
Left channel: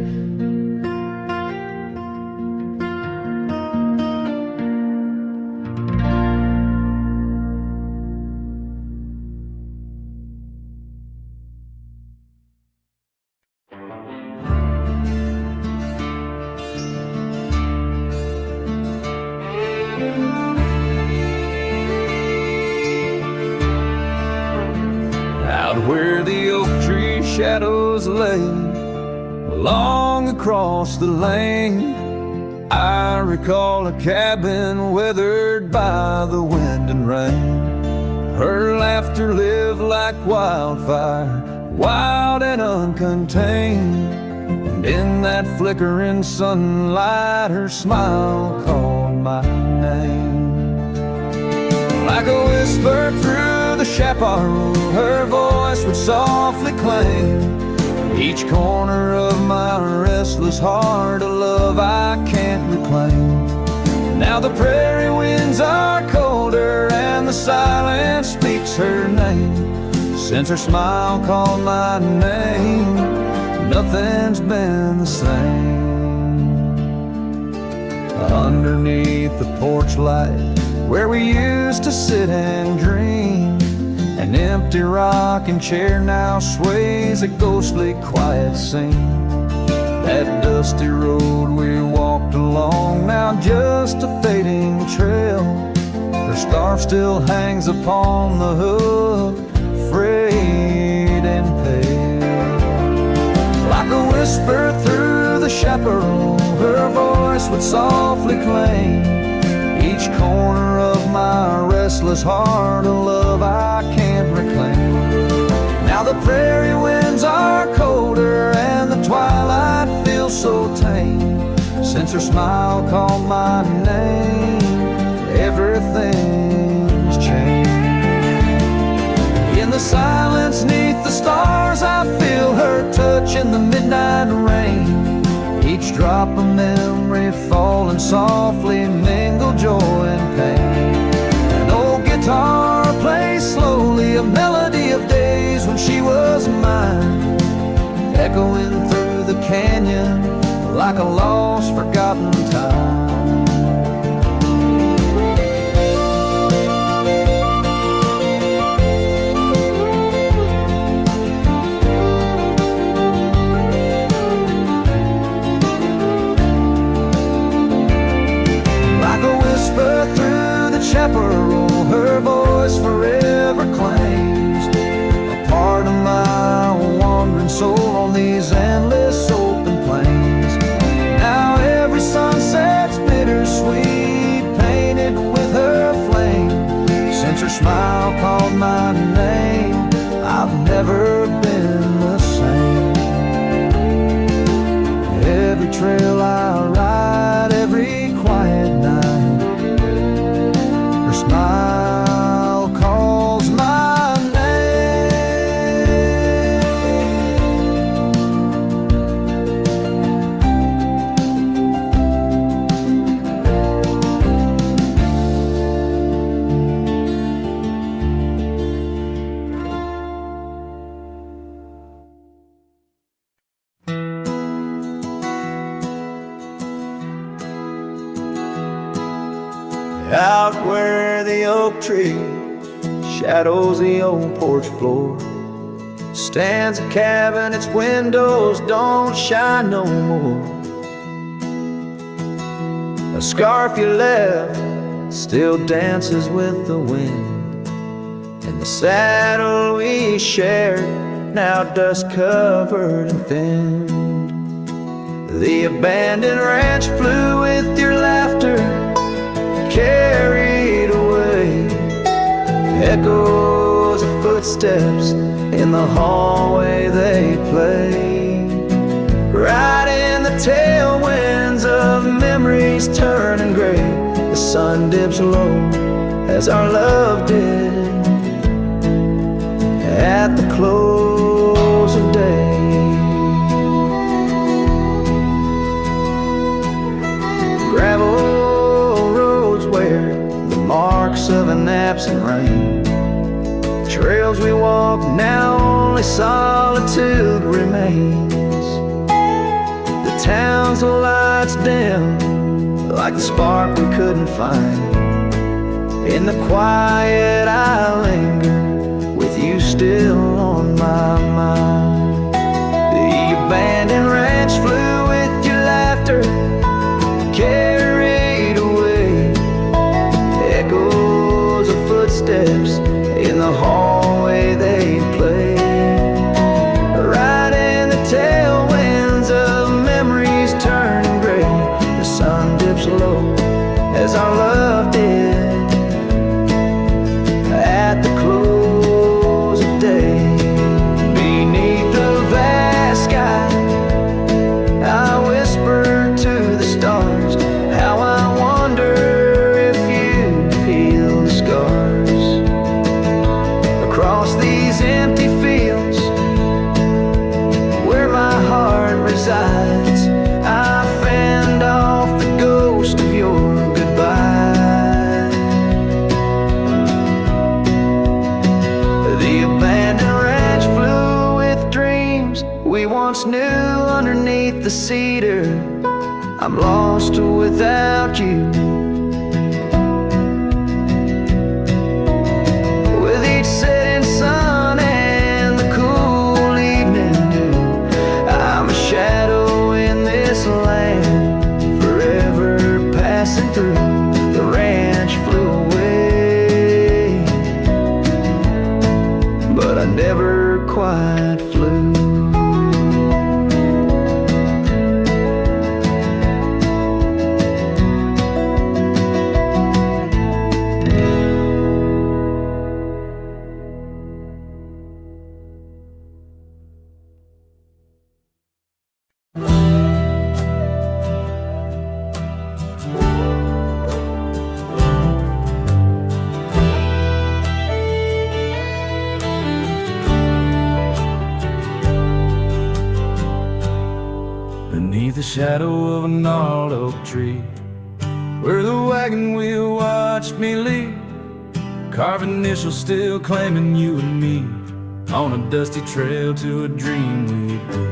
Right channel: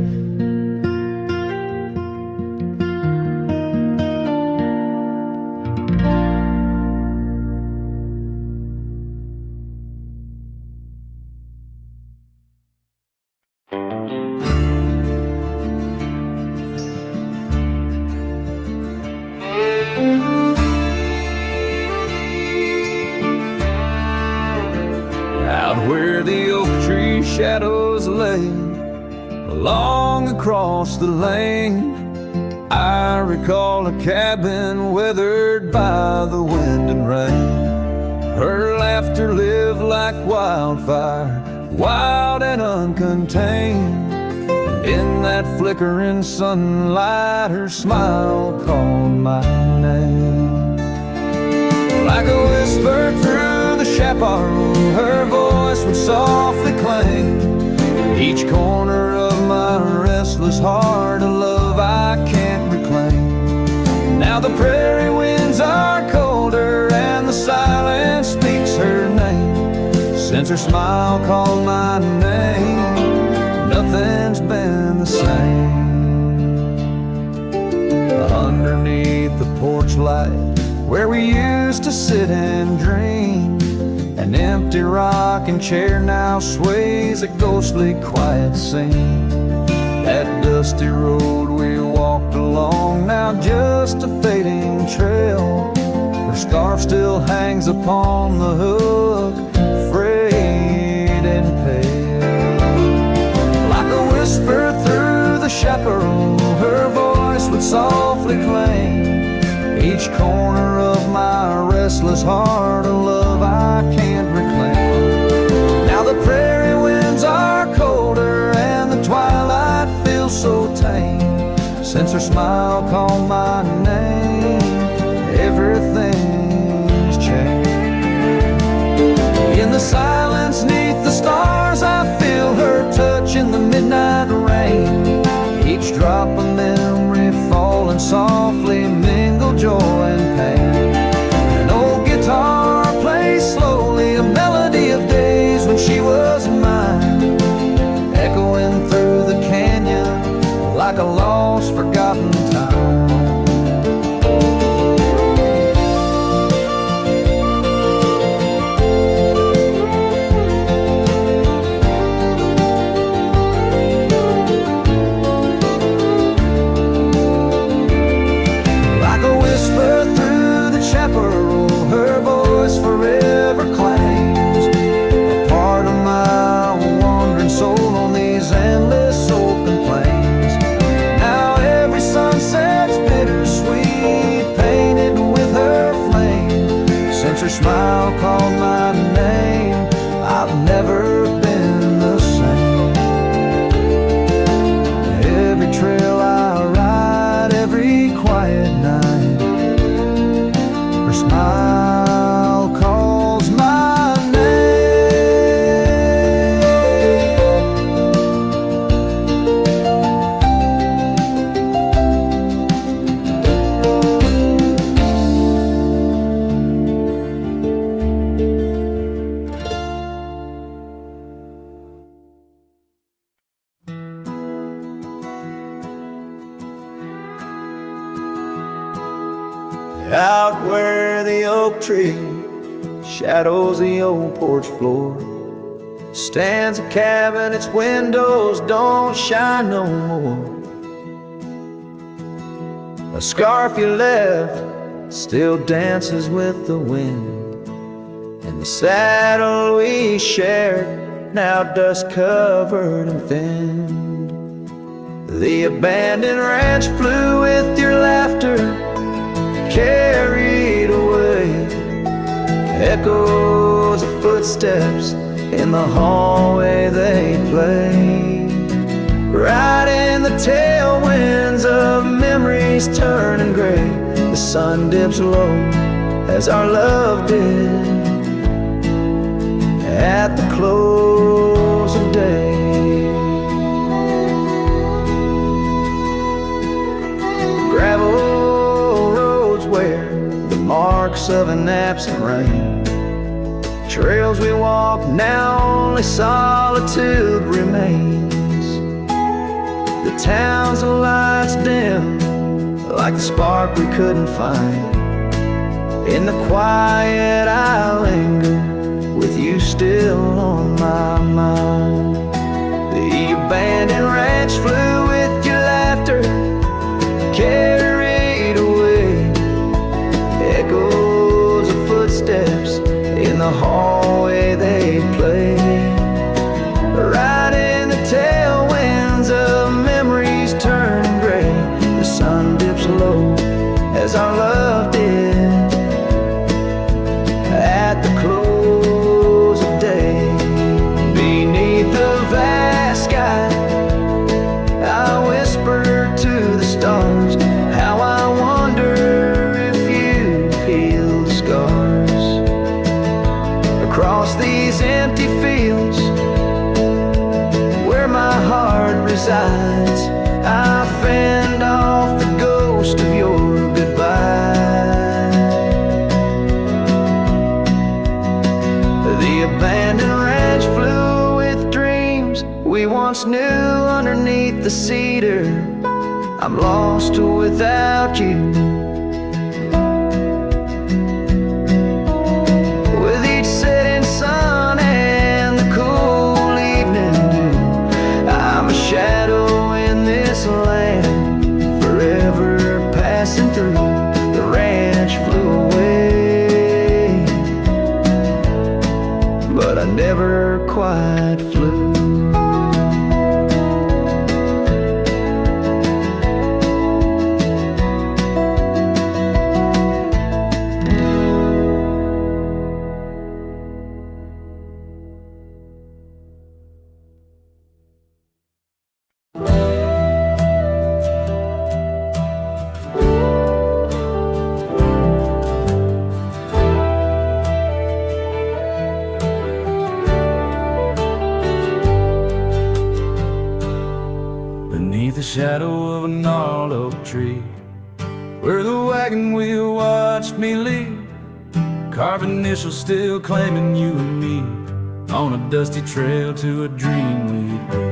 Out where the oak tree shadows lay, along across the lane, I recall a cabin weathered by the wind and rain. Her laughter lived like wildfire, wild and uncontained, and in that flickering sunlight her smile called my name. Like a whisper through the chaparral, her voice would softly clang. Each corner of my restless heart, a love I can't reclaim. Now the prairie winds are colder and the silence speaks her name. Since her smile called my name, nothing's been the same. Underneath the porch light where we used to sit and dream, an empty rocking chair now sways a ghostly quiet scene. That dusty road we walked along, now just a fading trail. Her scarf still hangs upon the hook, frayed and pale. Like a whisper through the chaparral, her voice would softly claim. Each corner of my restless heart, a love I can't reclaim. Now the prairie winds are colder and the twilight feels so tame. Since her smile called my name, everything's changed. In the silence neath the stars, I feel her touch in the midnight rain. Each drop a memory falling softly, mingle joy and pain. An old guitar plays slowly, a melody of days when she was mine, echoing through the canyon like a lost, forgotten time. Like a whisper through the chaparral, her voice forever claims a part of my wandering soul on these endless open plains. Now every sunset's bittersweet, painted with her flame. Since her smile called my name, I've never been the same. Every trail I ride, every quiet night, her smile calls my name. Out where the oak tree shadows the old porch floor, stands a cabin, its windows don't shine no more. A scarf you left still dances with the wind, and the saddle we shared, now dust covered and thinned. The abandoned ranch flew with your laughter, carried away. Echoes of footsteps in the hallway they play. Right in the tailwinds of memories turning gray, the sun dips low as our love did at the close of day. Gravel roads where the marks of an absent rain, trails we walk, now only solitude remains. The town's lights dim like the spark we couldn't find. In the quiet I linger, with you still on my mind. The abandoned ranch flew with your laughter, carried away. Echoes of footsteps in the hallway they play. Right in the tailwinds of memories turning gray, the sun dips low as our love did at the close of day. Beneath the vast sky I whisper to the stars how I wonder if you've healed the scars. Across these empty fields where my heart resides, I fend off the ghost of your goodbye. The abandoned ranch flew with dreams we once knew underneath the cedar. I'm lost without you. With each setting sun and the cool evening dew, I'm a shadow in this land, forever passing through. The ranch flew away, but I never quite flew. beneath the shadow of a gnarled oak tree, where the wagon wheel watched me leave, carved initials still claiming you and me, on a dusty trail to a dream we'd be.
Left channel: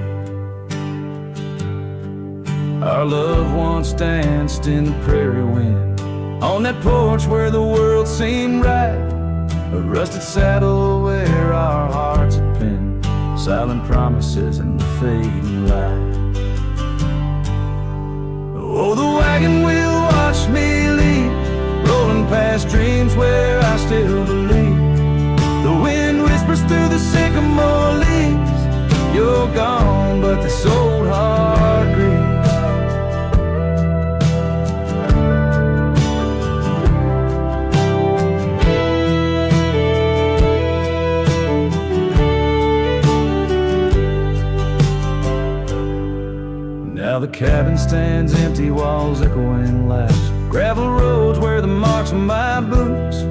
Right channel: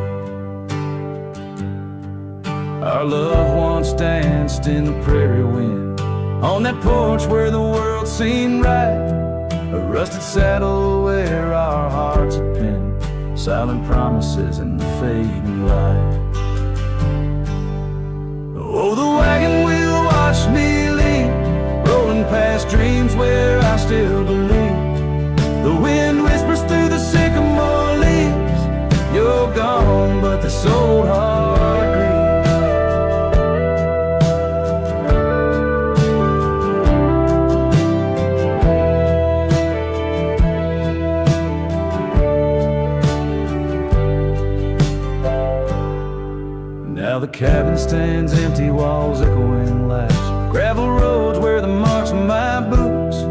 Our love once danced in the prairie wind, on that porch where the world seemed right, a rusted saddle where our hearts had pinned silent promises in the fading light. Oh, the wagon wheel watched me leave, rolling past dreams where I still believe. The wind whispers through the sycamore leaves, you're gone, but this old heart grieves. Now the cabin stands empty, walls echoing laughs, gravel roads where the marks of my boots,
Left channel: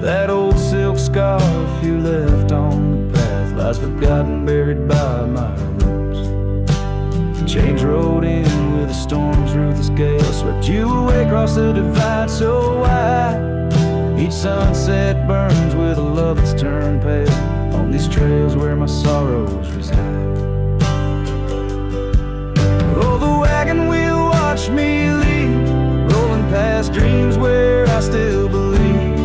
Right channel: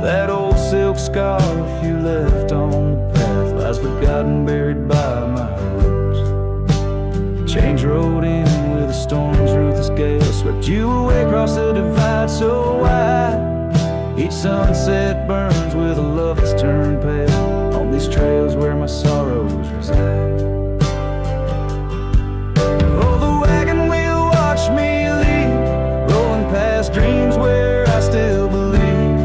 that old silk scarf you left on the path lies forgotten, buried by my roots. The change rode in with a storm's ruthless gale, swept you away across the divide so wide. Each sunset burns with a love that's turned pale on these trails where my sorrows reside. Oh, the wagon wheel watched me leave, rolling past dreams where I still believe.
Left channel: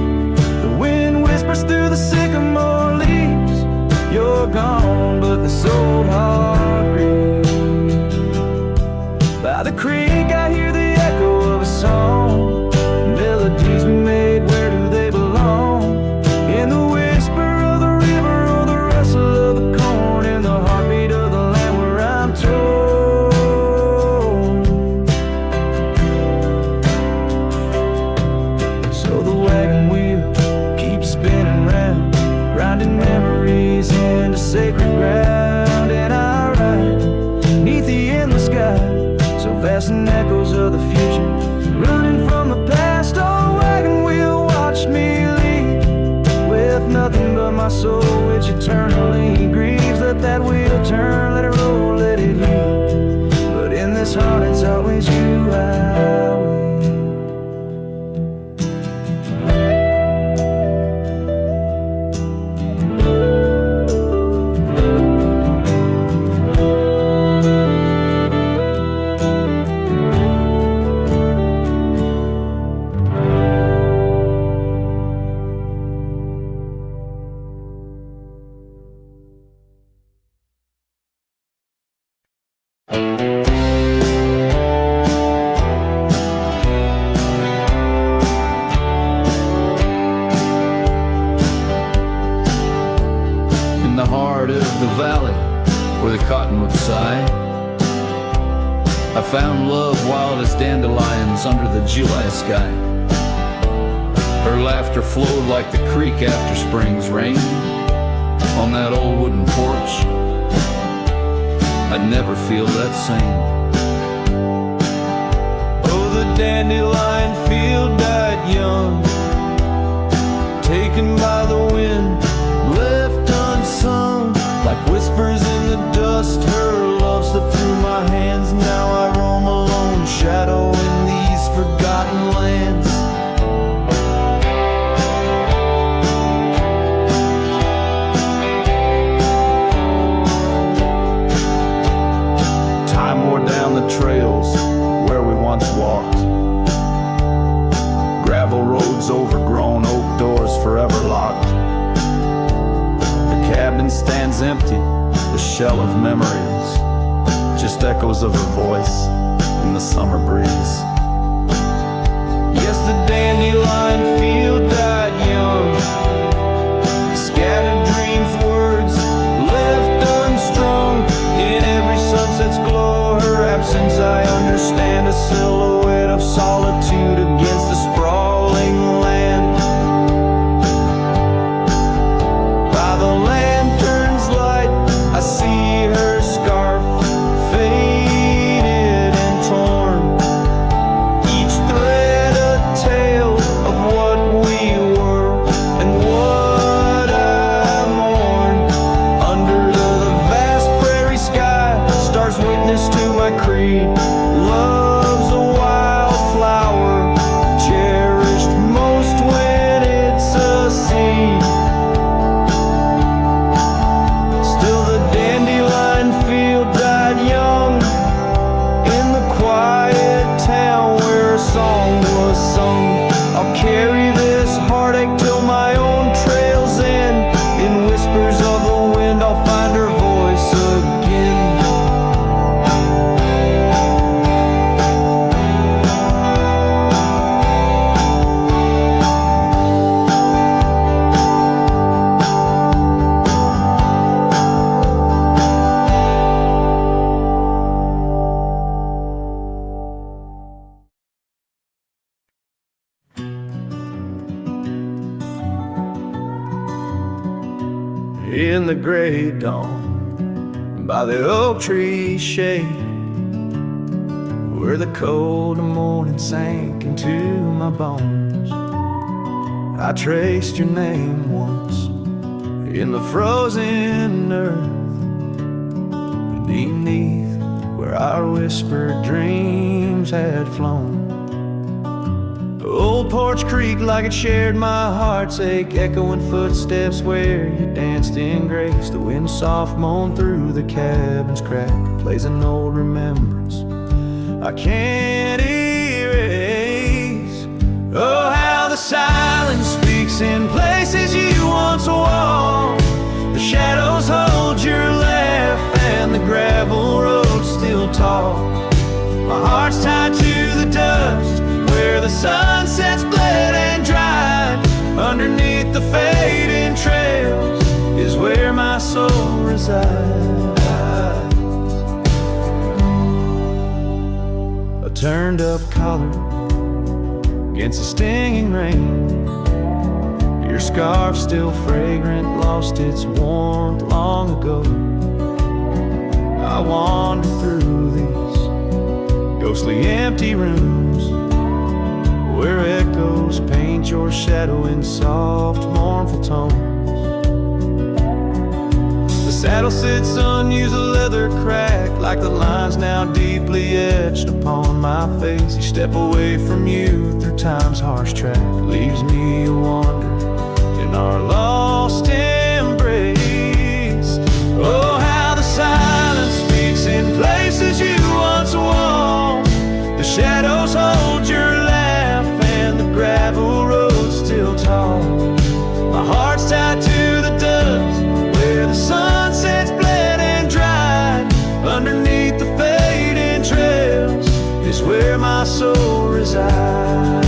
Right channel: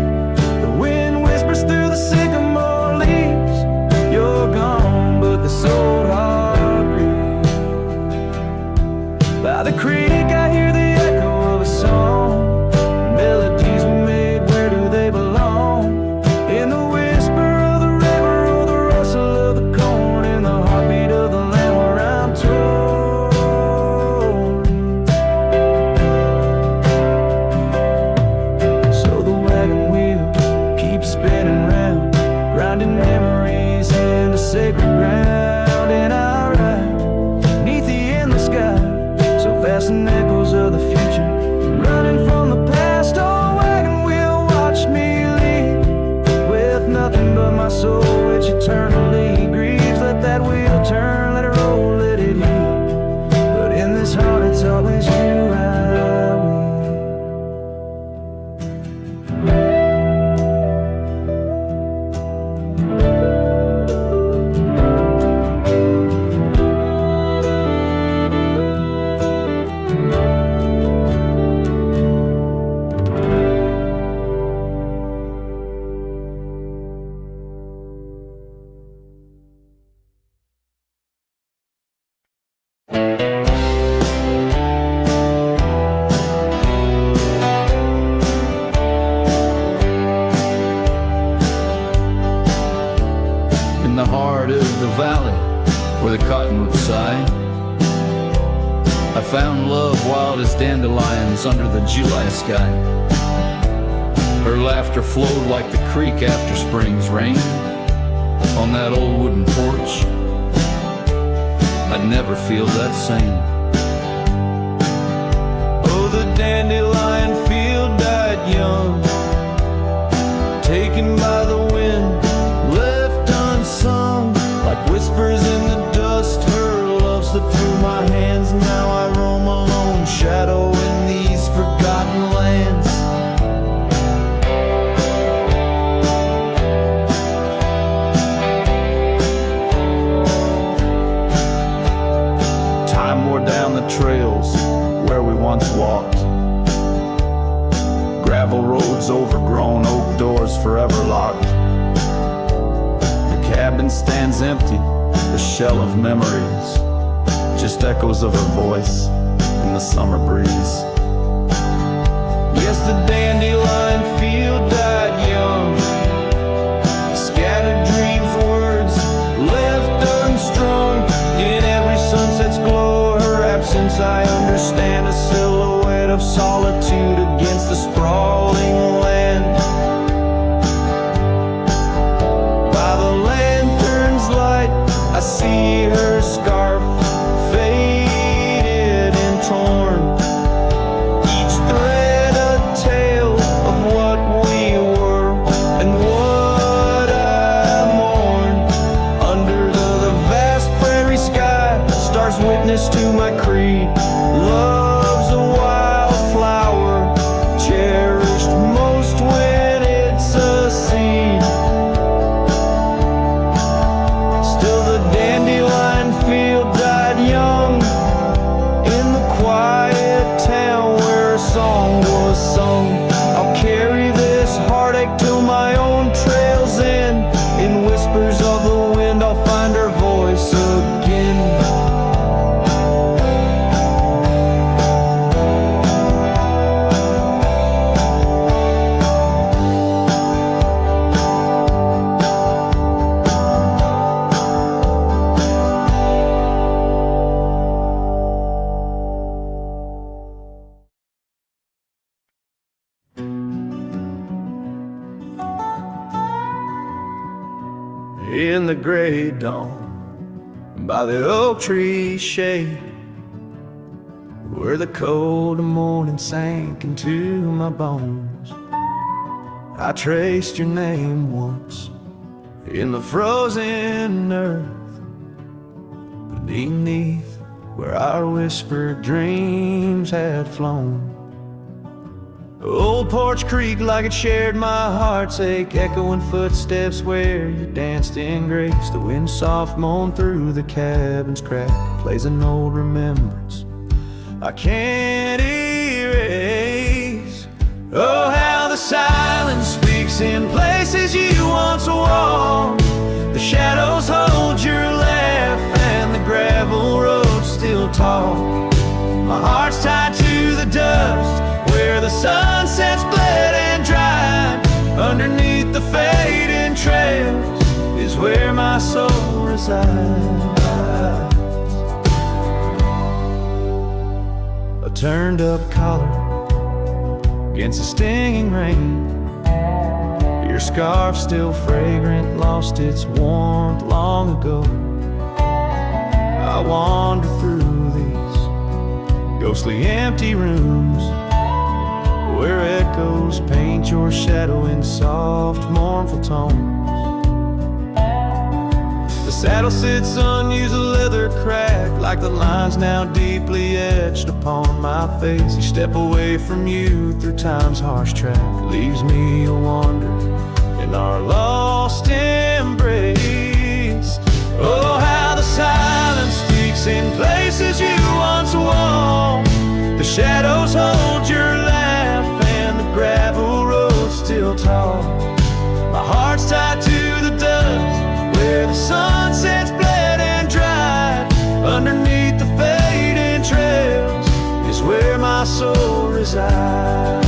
The wind whispers through the sycamore leaves, you're gone, but this old heart grieves. By the creek I hear the echo of a song, melodies we made, where do they belong? In the whisper of the river or the rustle of the corn, in the heartbeat of the land where I'm torn. Wagon wheel keeps spinning round, grinding memories into sacred ground. And I ride neath the endless sky, so vast and echoes of the future, running from the past. Oh, wagon wheel watch me leave, with nothing but my soul which eternally grieves. Let that wheel turn, let it roll, let it heal, but in this heart it's always you I will. In the heart of the valley where the cottonwoods sigh, I found love wild as dandelions under the July sky. Her laughter flowed like the creek after spring's rain on that old wooden porch. I'd never feel that same. Oh, the dandelion field died young, taken by the wind, left unsung, like whispers in the dust. Her love slipped through my hands. Now I roam alone, shadow in these forgotten lands. Time wore down the trails where we once walked, gravel roads overgrown, oak doors forever locked. The cabin stands empty, the shell of memories, just echoes of her voice in the summer breeze. Yes, the dandelion field died young, scattered dreams, words left unstrung. In every sunset's glow, her absence I understand, a silhouette of solitude against the sprawling land. By the lantern's light, I see her scarf, faded and torn, each thread a tale of what we were and what I mourn. Under the vast prairie sky, stars witness to my creed. tree. Love's a wildflower, cherished most when it's a seed. Still the dandelion field died young in the quiet town where a song was sung. I'll carry this heartache till my own trail's end. In whispers of the wind I'll find her voice again. In the gray dawn, by the oak tree shade, where the cold morning sank into my bones, I traced your name once in the frozen earth, beneath where our whispered dreams had flown. Old Porch Creek like it shared my heart's ache, echoing footsteps where you danced in grace. The wind soft moaned through the cabin's crack, plays an old remembrance I can't erase. Oh, how the silence speaks in places you once walked. The shadows hold your laugh and the gravel road still talk. My heart's tied to the dust where the sunsets bled and dried. Underneath the fading trails is where my soul resides. A turned up collar against the stinging rain. Your scarf still fragrant, lost its warmth long ago. I wander through these ghostly empty rooms where echoes paint your shadow in soft, mournful tones. The saddle sits unused, the leather cracked, like the lines now deeply etched upon my face. You step away from you through time's harsh track, leaves me a wander in our lost embrace. Oh, how the silence speaks in places you once walked. The shadows hold your laugh and the gravel road still tall. My heart's tied to the dust where the sunsets bled and dried. Underneath the fading trails is where my soul resides.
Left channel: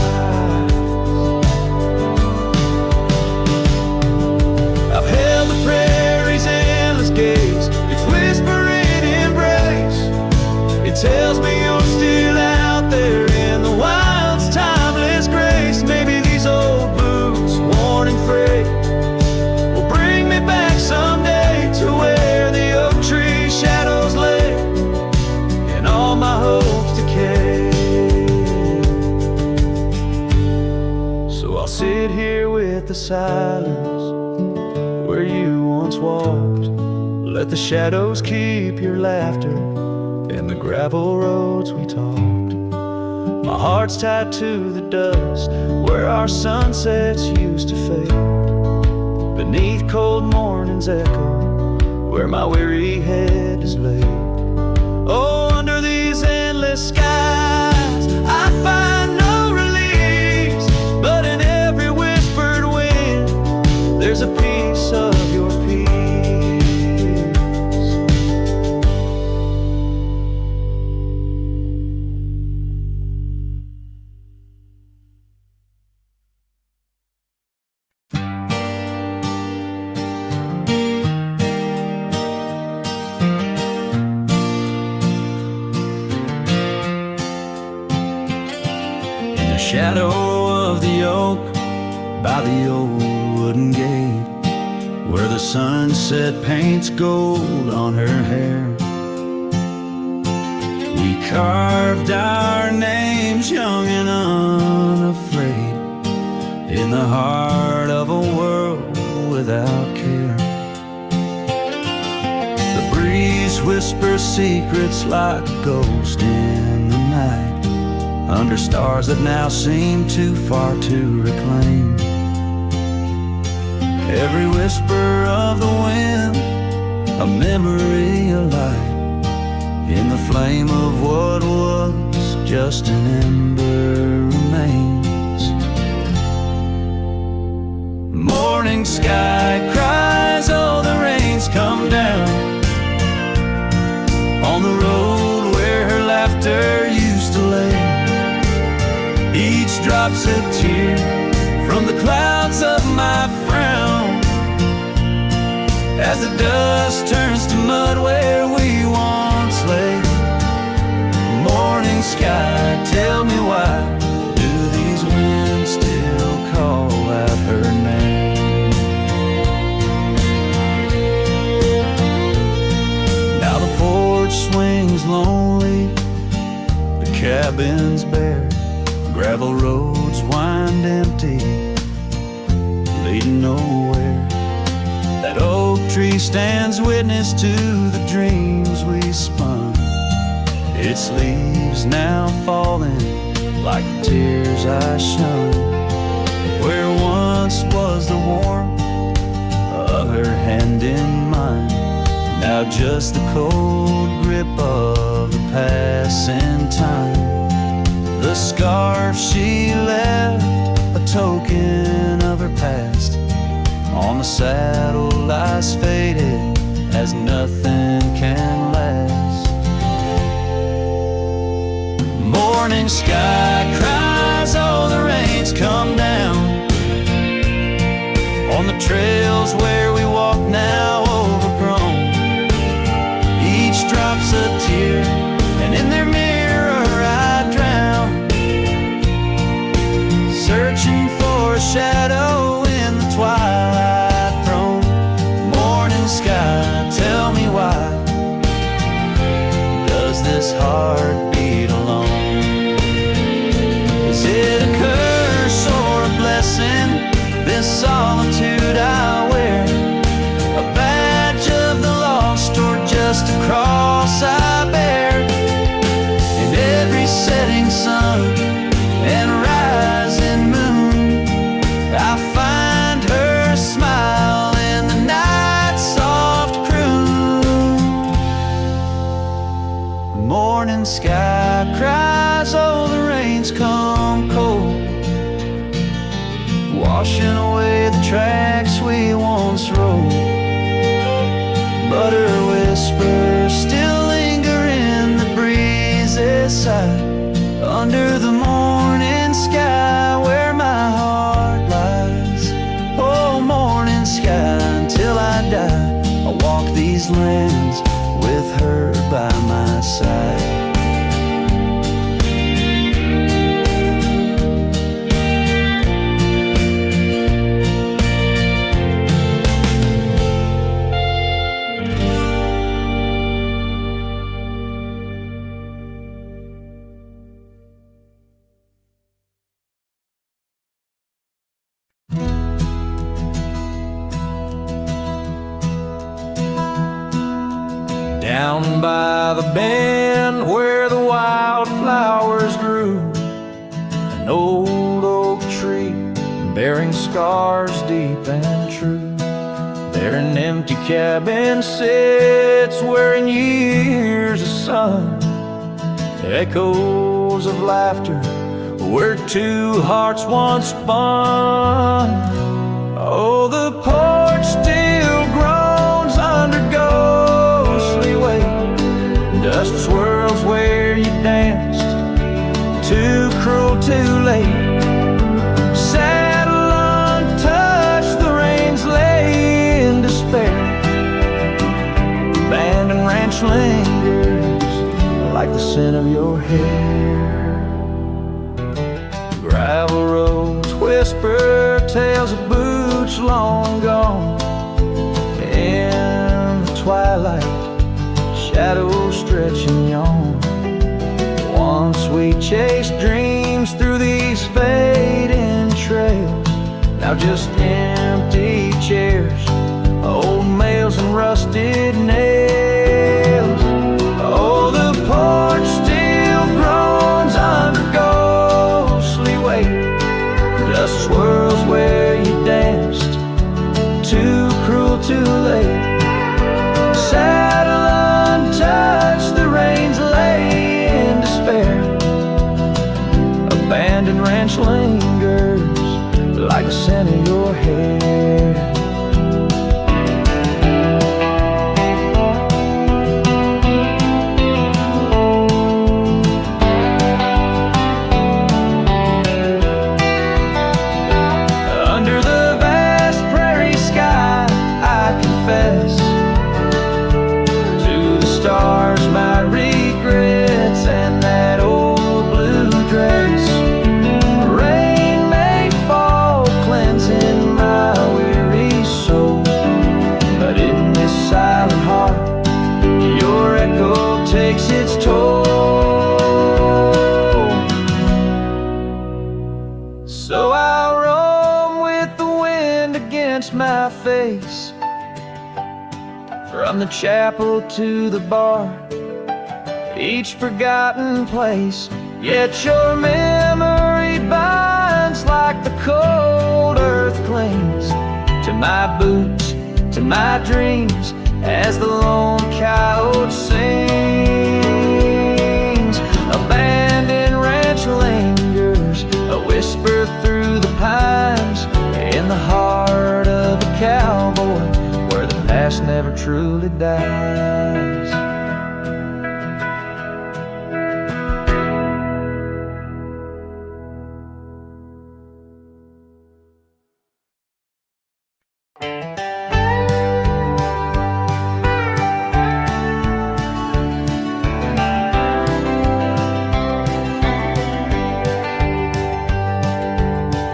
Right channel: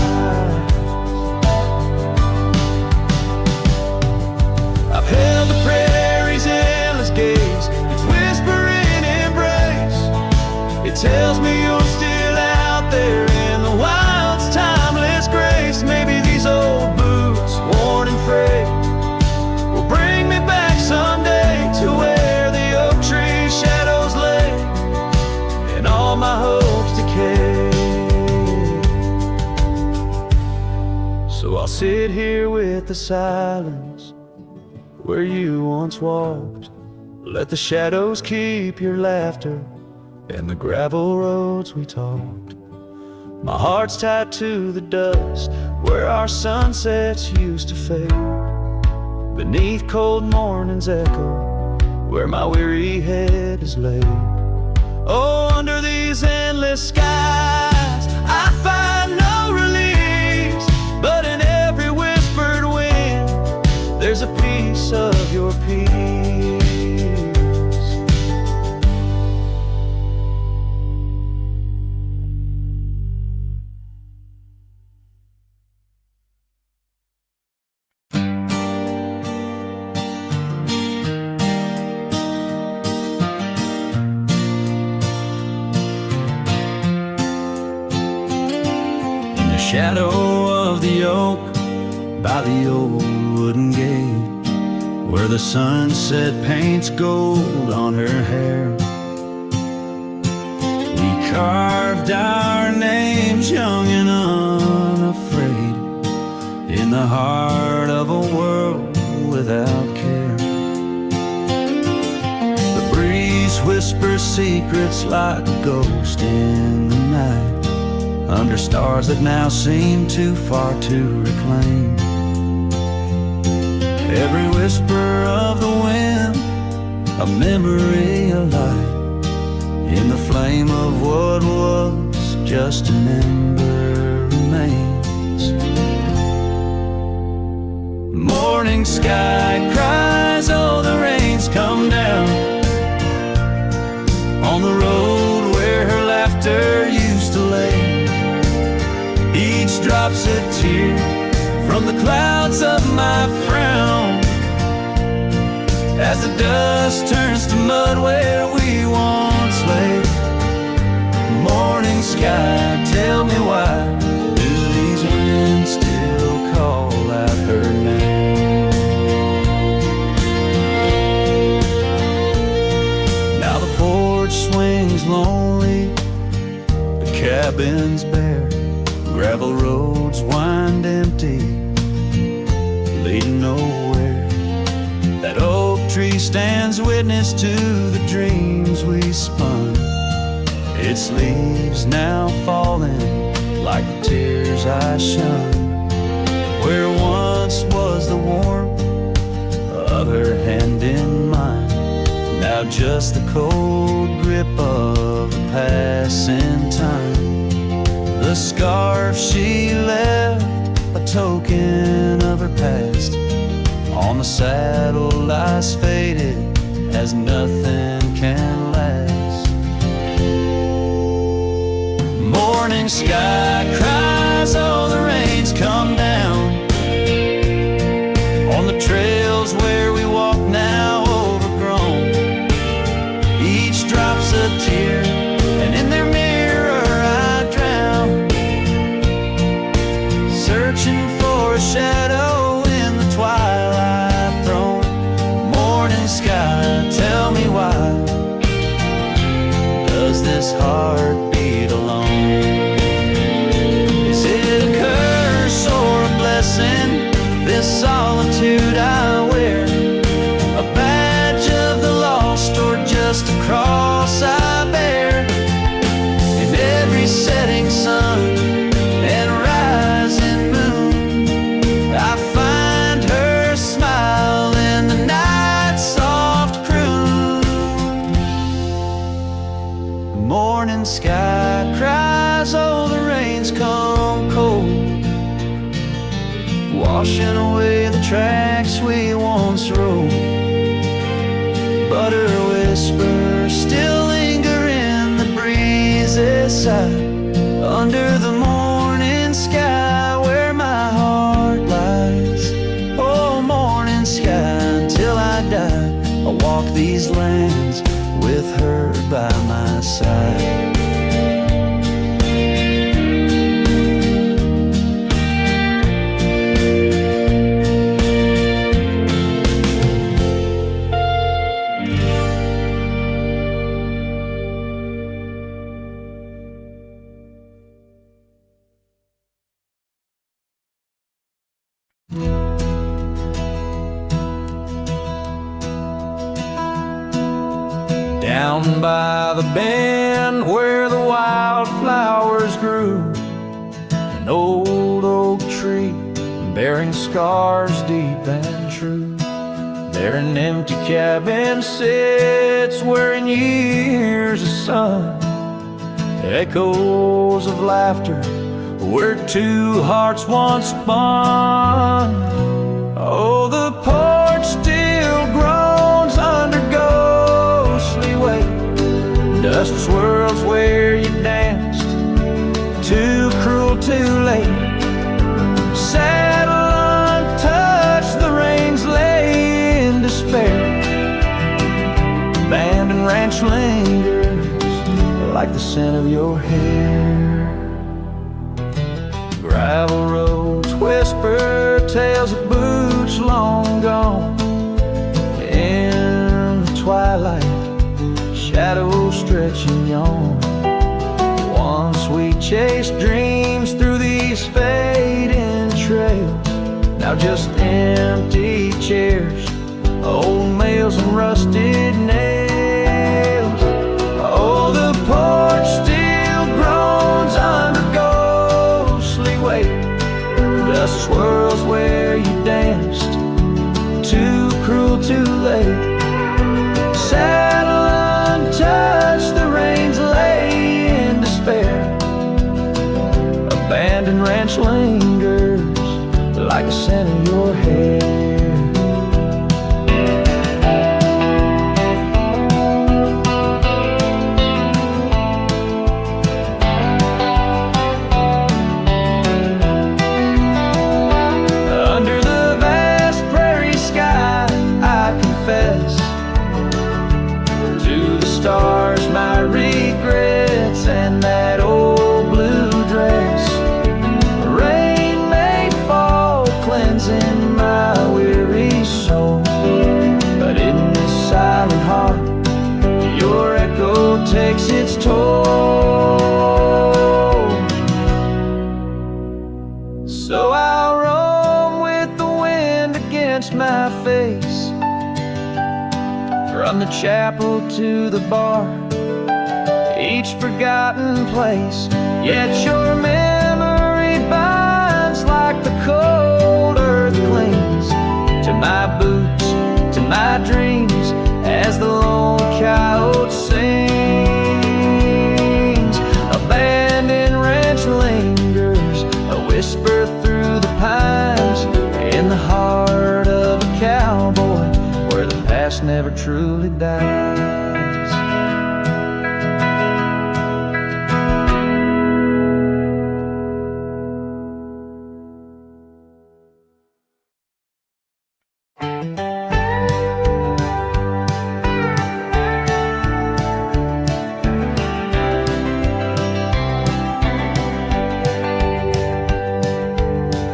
I've held the prairie's endless gaze, its whispering embrace. It tells me you're still out there in the wild's timeless grace. Maybe these old boots, worn and frayed, will bring me back someday to where the oak tree shadows lay and all my hopes decay. So I'll sit here with the silence where you once walked. Let the shadows keep your laughter and the gravel roads we talked. My heart's tied to the dust where our sunsets used to fade. Beneath cold morning's echo where my weary head is laid. Oh, under these endless skies I find no release, but in every whispered wind there's a piece of your peace. The shadow of the oak by the old wooden gate, where the sunset paints gold on her hair. We carved our names young and unafraid in the heart of a world without care. The breeze whispers secrets like a ghost in the night, under stars that now seem too far to reclaim. Every whisper of the wind, a memory alight, in the flame of what was just an ember remains. Morning sky cries, oh the rain's come down, on the road where her laughter used to lay. Each drop's a tear from the clouds of my frown, as the dust turns to mud where we once lay. Morning sky, tell me why do these winds still call out her name? Now the porch swings lonely, the cabin's bare, gravel roads wind empty, leading nowhere. That oak tree stands witness to the dreams we spun, its leaves now falling like the tears I shunned. Where once was the warmth of her hand in mine, now just the cold grip of the passing time. The scarf she left, a token of her past, on the saddle lies faded as nothing can last. Morning sky cries, oh the rain's come down, on the trails where we walk now overgrown. Each drop's a tear, and in their mirror I drown, searching for a shadow in the twilight thrown. Morning sky, tell me why does this heart beat alone? Is it a curse or a blessing, this solitude I wear? A badge of the lost or just a cross I bear? In every setting sun and rising moon, I find her smile in the night's soft croon. Morning sky cries, oh the rain's come cold, washing away the tracks we once rode. But her whispers still linger in the breeze's side, under the morning sky where my heart lies. Oh, morning sky, until I die, I'll walk these lands with her by my side. Down by the bend where the wildflowers grew, an old oak tree bearing scars deep and true. There an empty cabin sits where in years of sun, echoes of laughter where two hearts once spun. Oh, the porch still groans under ghostly weight, dust swirls where you danced, too cruel, too late. Saddle untouched, the reins lay in despair. Abandoned ranch lingers like the scent of your hair. Gravel roads whisper tales of boots long gone. In the twilight, shadows stretch and yawn. Once we chased dreams through these fading trails, now just empty chairs, old mails and rusted nails. porch still groans under ghostly weight. Dust swirls where you danced, too cruel, too late. Saddle untouched, the reins lay in despair. Abandoned ranch lingers like the scent of your hair. Under the vast prairie sky, I confess to the stars my regrets and that old blue dress. Rain may fall, cleansing my weary soul, but in this silent heart your echo takes its toll. So I'll roam with the wind against my face, from the chapel to the bar, each forgotten place. Yet your memory binds like the cold earth clings to my boots, to my dreams, as the lone coyote sings. Abandoned ranch lingers, a whisper through the pines, in the heart of a cowboy, where the past never truly dies.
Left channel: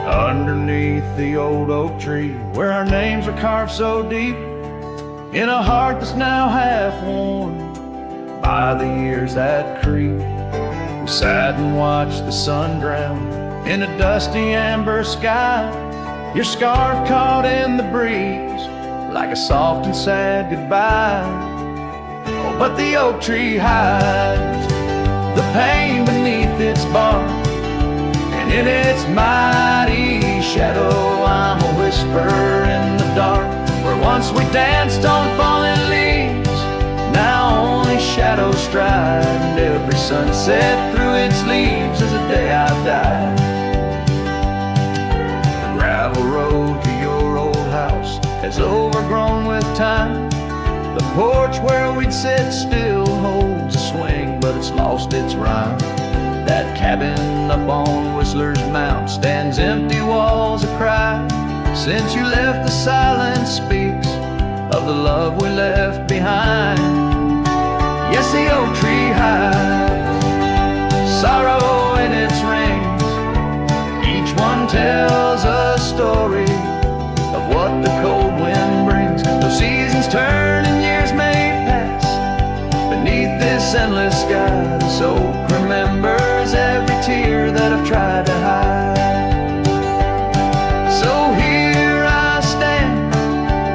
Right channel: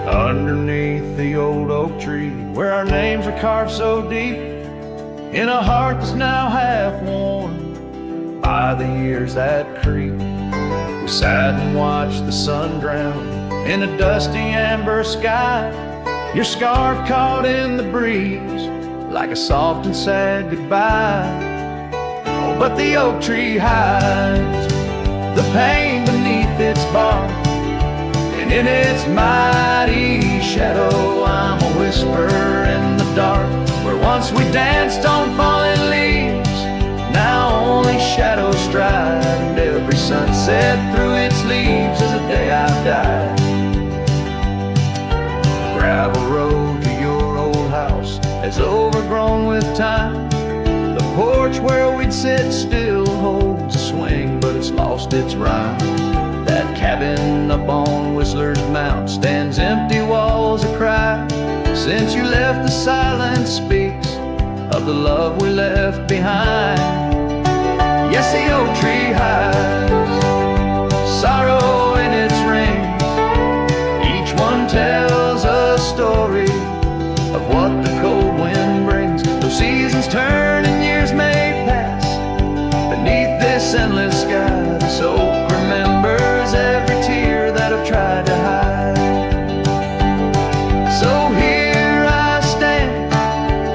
Underneath the old oak tree, where our names are carved so deep, in a heart that's now half worn by the years that creep, we sat and watched the sun drown in a dusty amber sky. Your scarf caught in the breeze like a soft and sad goodbye. Oh, but the oak tree hides the pain beneath its bark, and in its mighty shadow I'm a whisper in the dark. Where once we danced on falling leaves, now only shadows stride, and every sunset through its leaves is a day I've died. The gravel road to your old house has overgrown with time. The porch where we'd sit still holds a swing, but it's lost its rhyme. That cabin up on Whistler's Mount stands empty, walls a cry. Since you left, the silence speaks of the love we left behind. Yes, the oak tree hides sorrow in its rings. Each one tells a story of what the cold wind brings. Though seasons turn and years may pass, beneath this endless sky, this oak remembers every tear that I've tried to hide. So here I stand,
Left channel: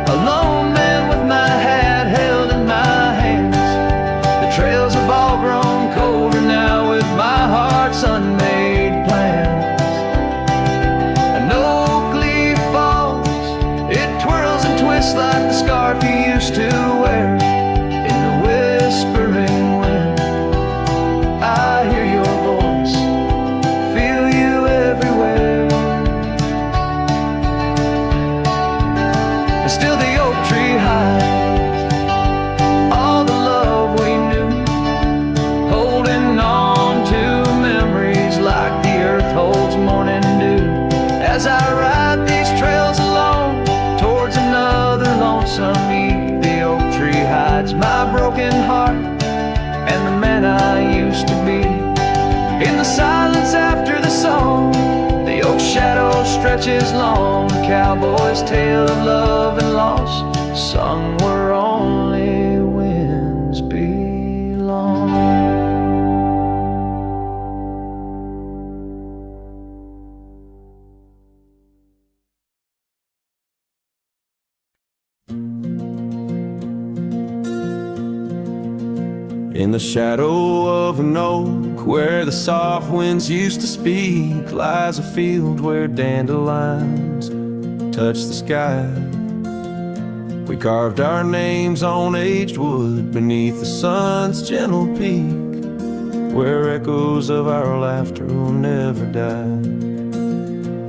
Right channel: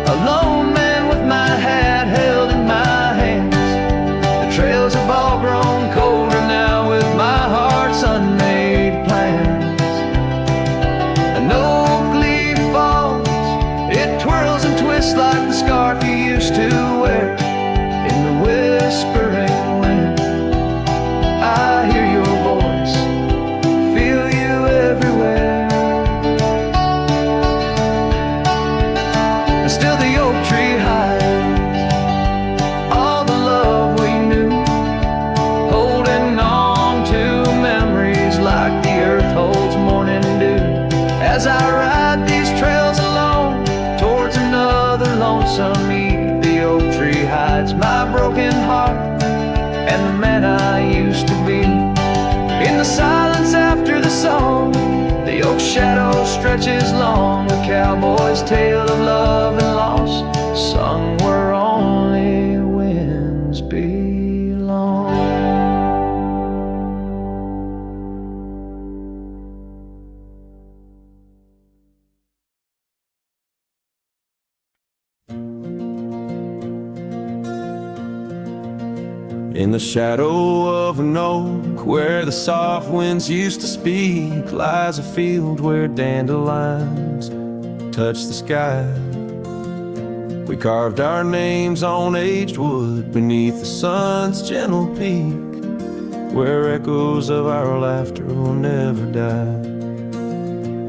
a lone man with my hat held in my hands. The trails have all grown colder now with my heart's unmade plans. An oak leaf falls, it twirls and twists like the scarf you used to wear. In the whispering wind, I hear your voice, feel you everywhere. And still the oak tree hides all the love we knew, holding on to memories like the earth holds morning dew. As I ride these trails alone towards another lonesome eve, the oak tree hides my broken heart and the man I used to be. In the silence after the song, the oak shadow stretches long, a cowboy's tale of love and loss, sung where only winds belong. In the shadow of an oak, where the soft winds used to speak, lies a field where dandelions touch the sky. We carved our names on aged wood beneath the sun's gentle peak, where echoes of our laughter will never die.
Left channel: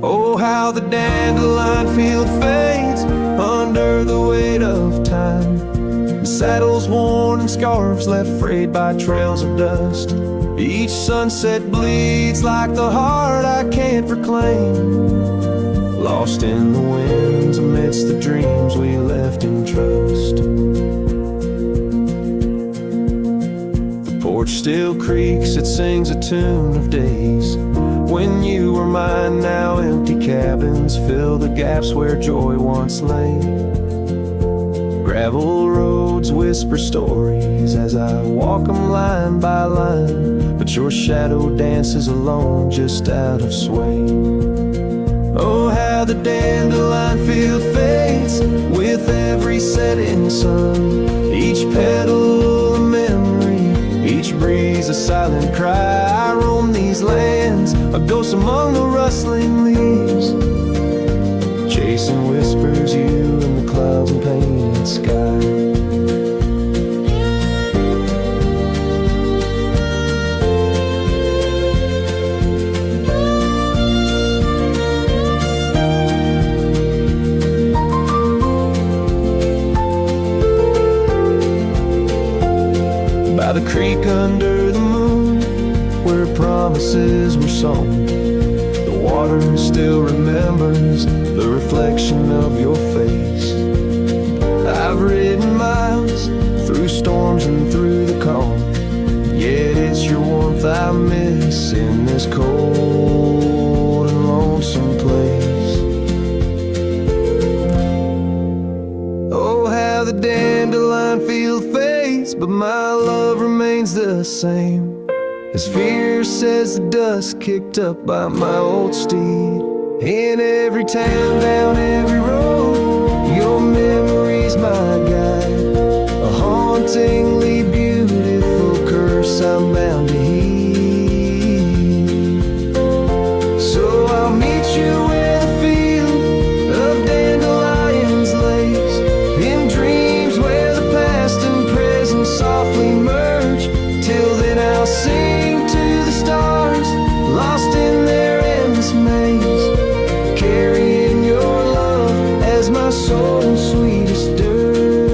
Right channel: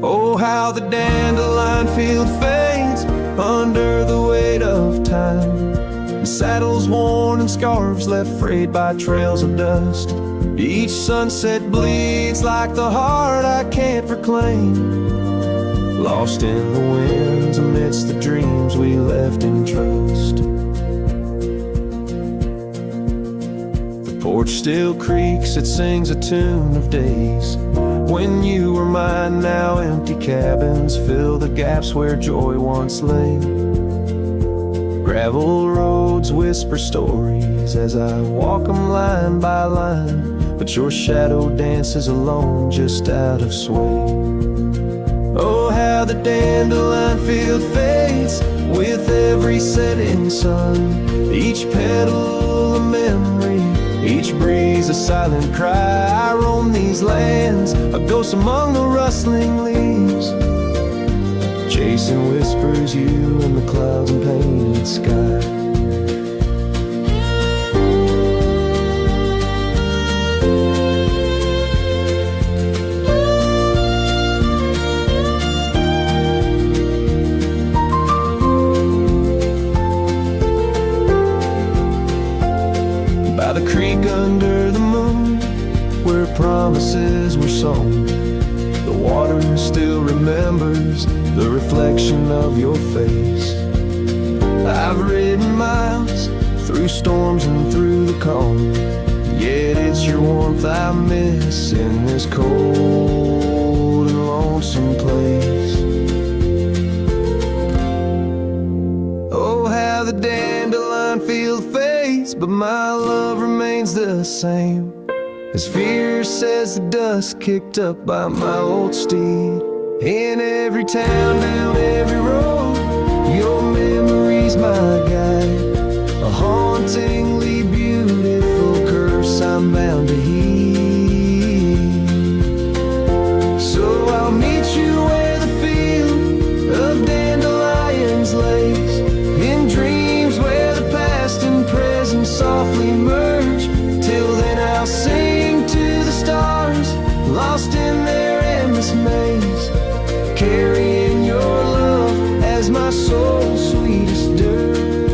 Oh, how the dandelion field fades under the weight of time, and saddles worn and scarves left frayed by trails of dust. Each sunset bleeds like the heart I can't reclaim, lost in the winds amidst the dreams we left in trust. The porch still creaks, it sings a tune of days when you were mine. Now empty cabins fill the gaps where joy once lay. Gravel roads whisper stories as I walk them line by line, but your shadow dances alone just out of sway. Oh, how the dandelion field fades with every setting sun, each petal a memory, each breeze a silent cry. I roam these lands, a ghost among the rustling leaves, chasing whispers, you in the clouds and painted sky. By the creek under the moon, where promises were sown, the water still remembers the reflection of your face. I've ridden miles through storms and through the calm, yet it's your warmth I miss in this cold and lonesome place. Oh, how the dandelion field fades, but my love remains the same, as fierce as the dust kicked up by my old steed. In every town, down every road, your memory's my guide, a hauntingly beautiful curse I'm bound to heed. So I'll meet you where the field of dandelions lays, in dreams where the past and present softly merge. Till then I'll sing to the stars, lost in their endless maze, carrying your love as my soul's sweetest dirge.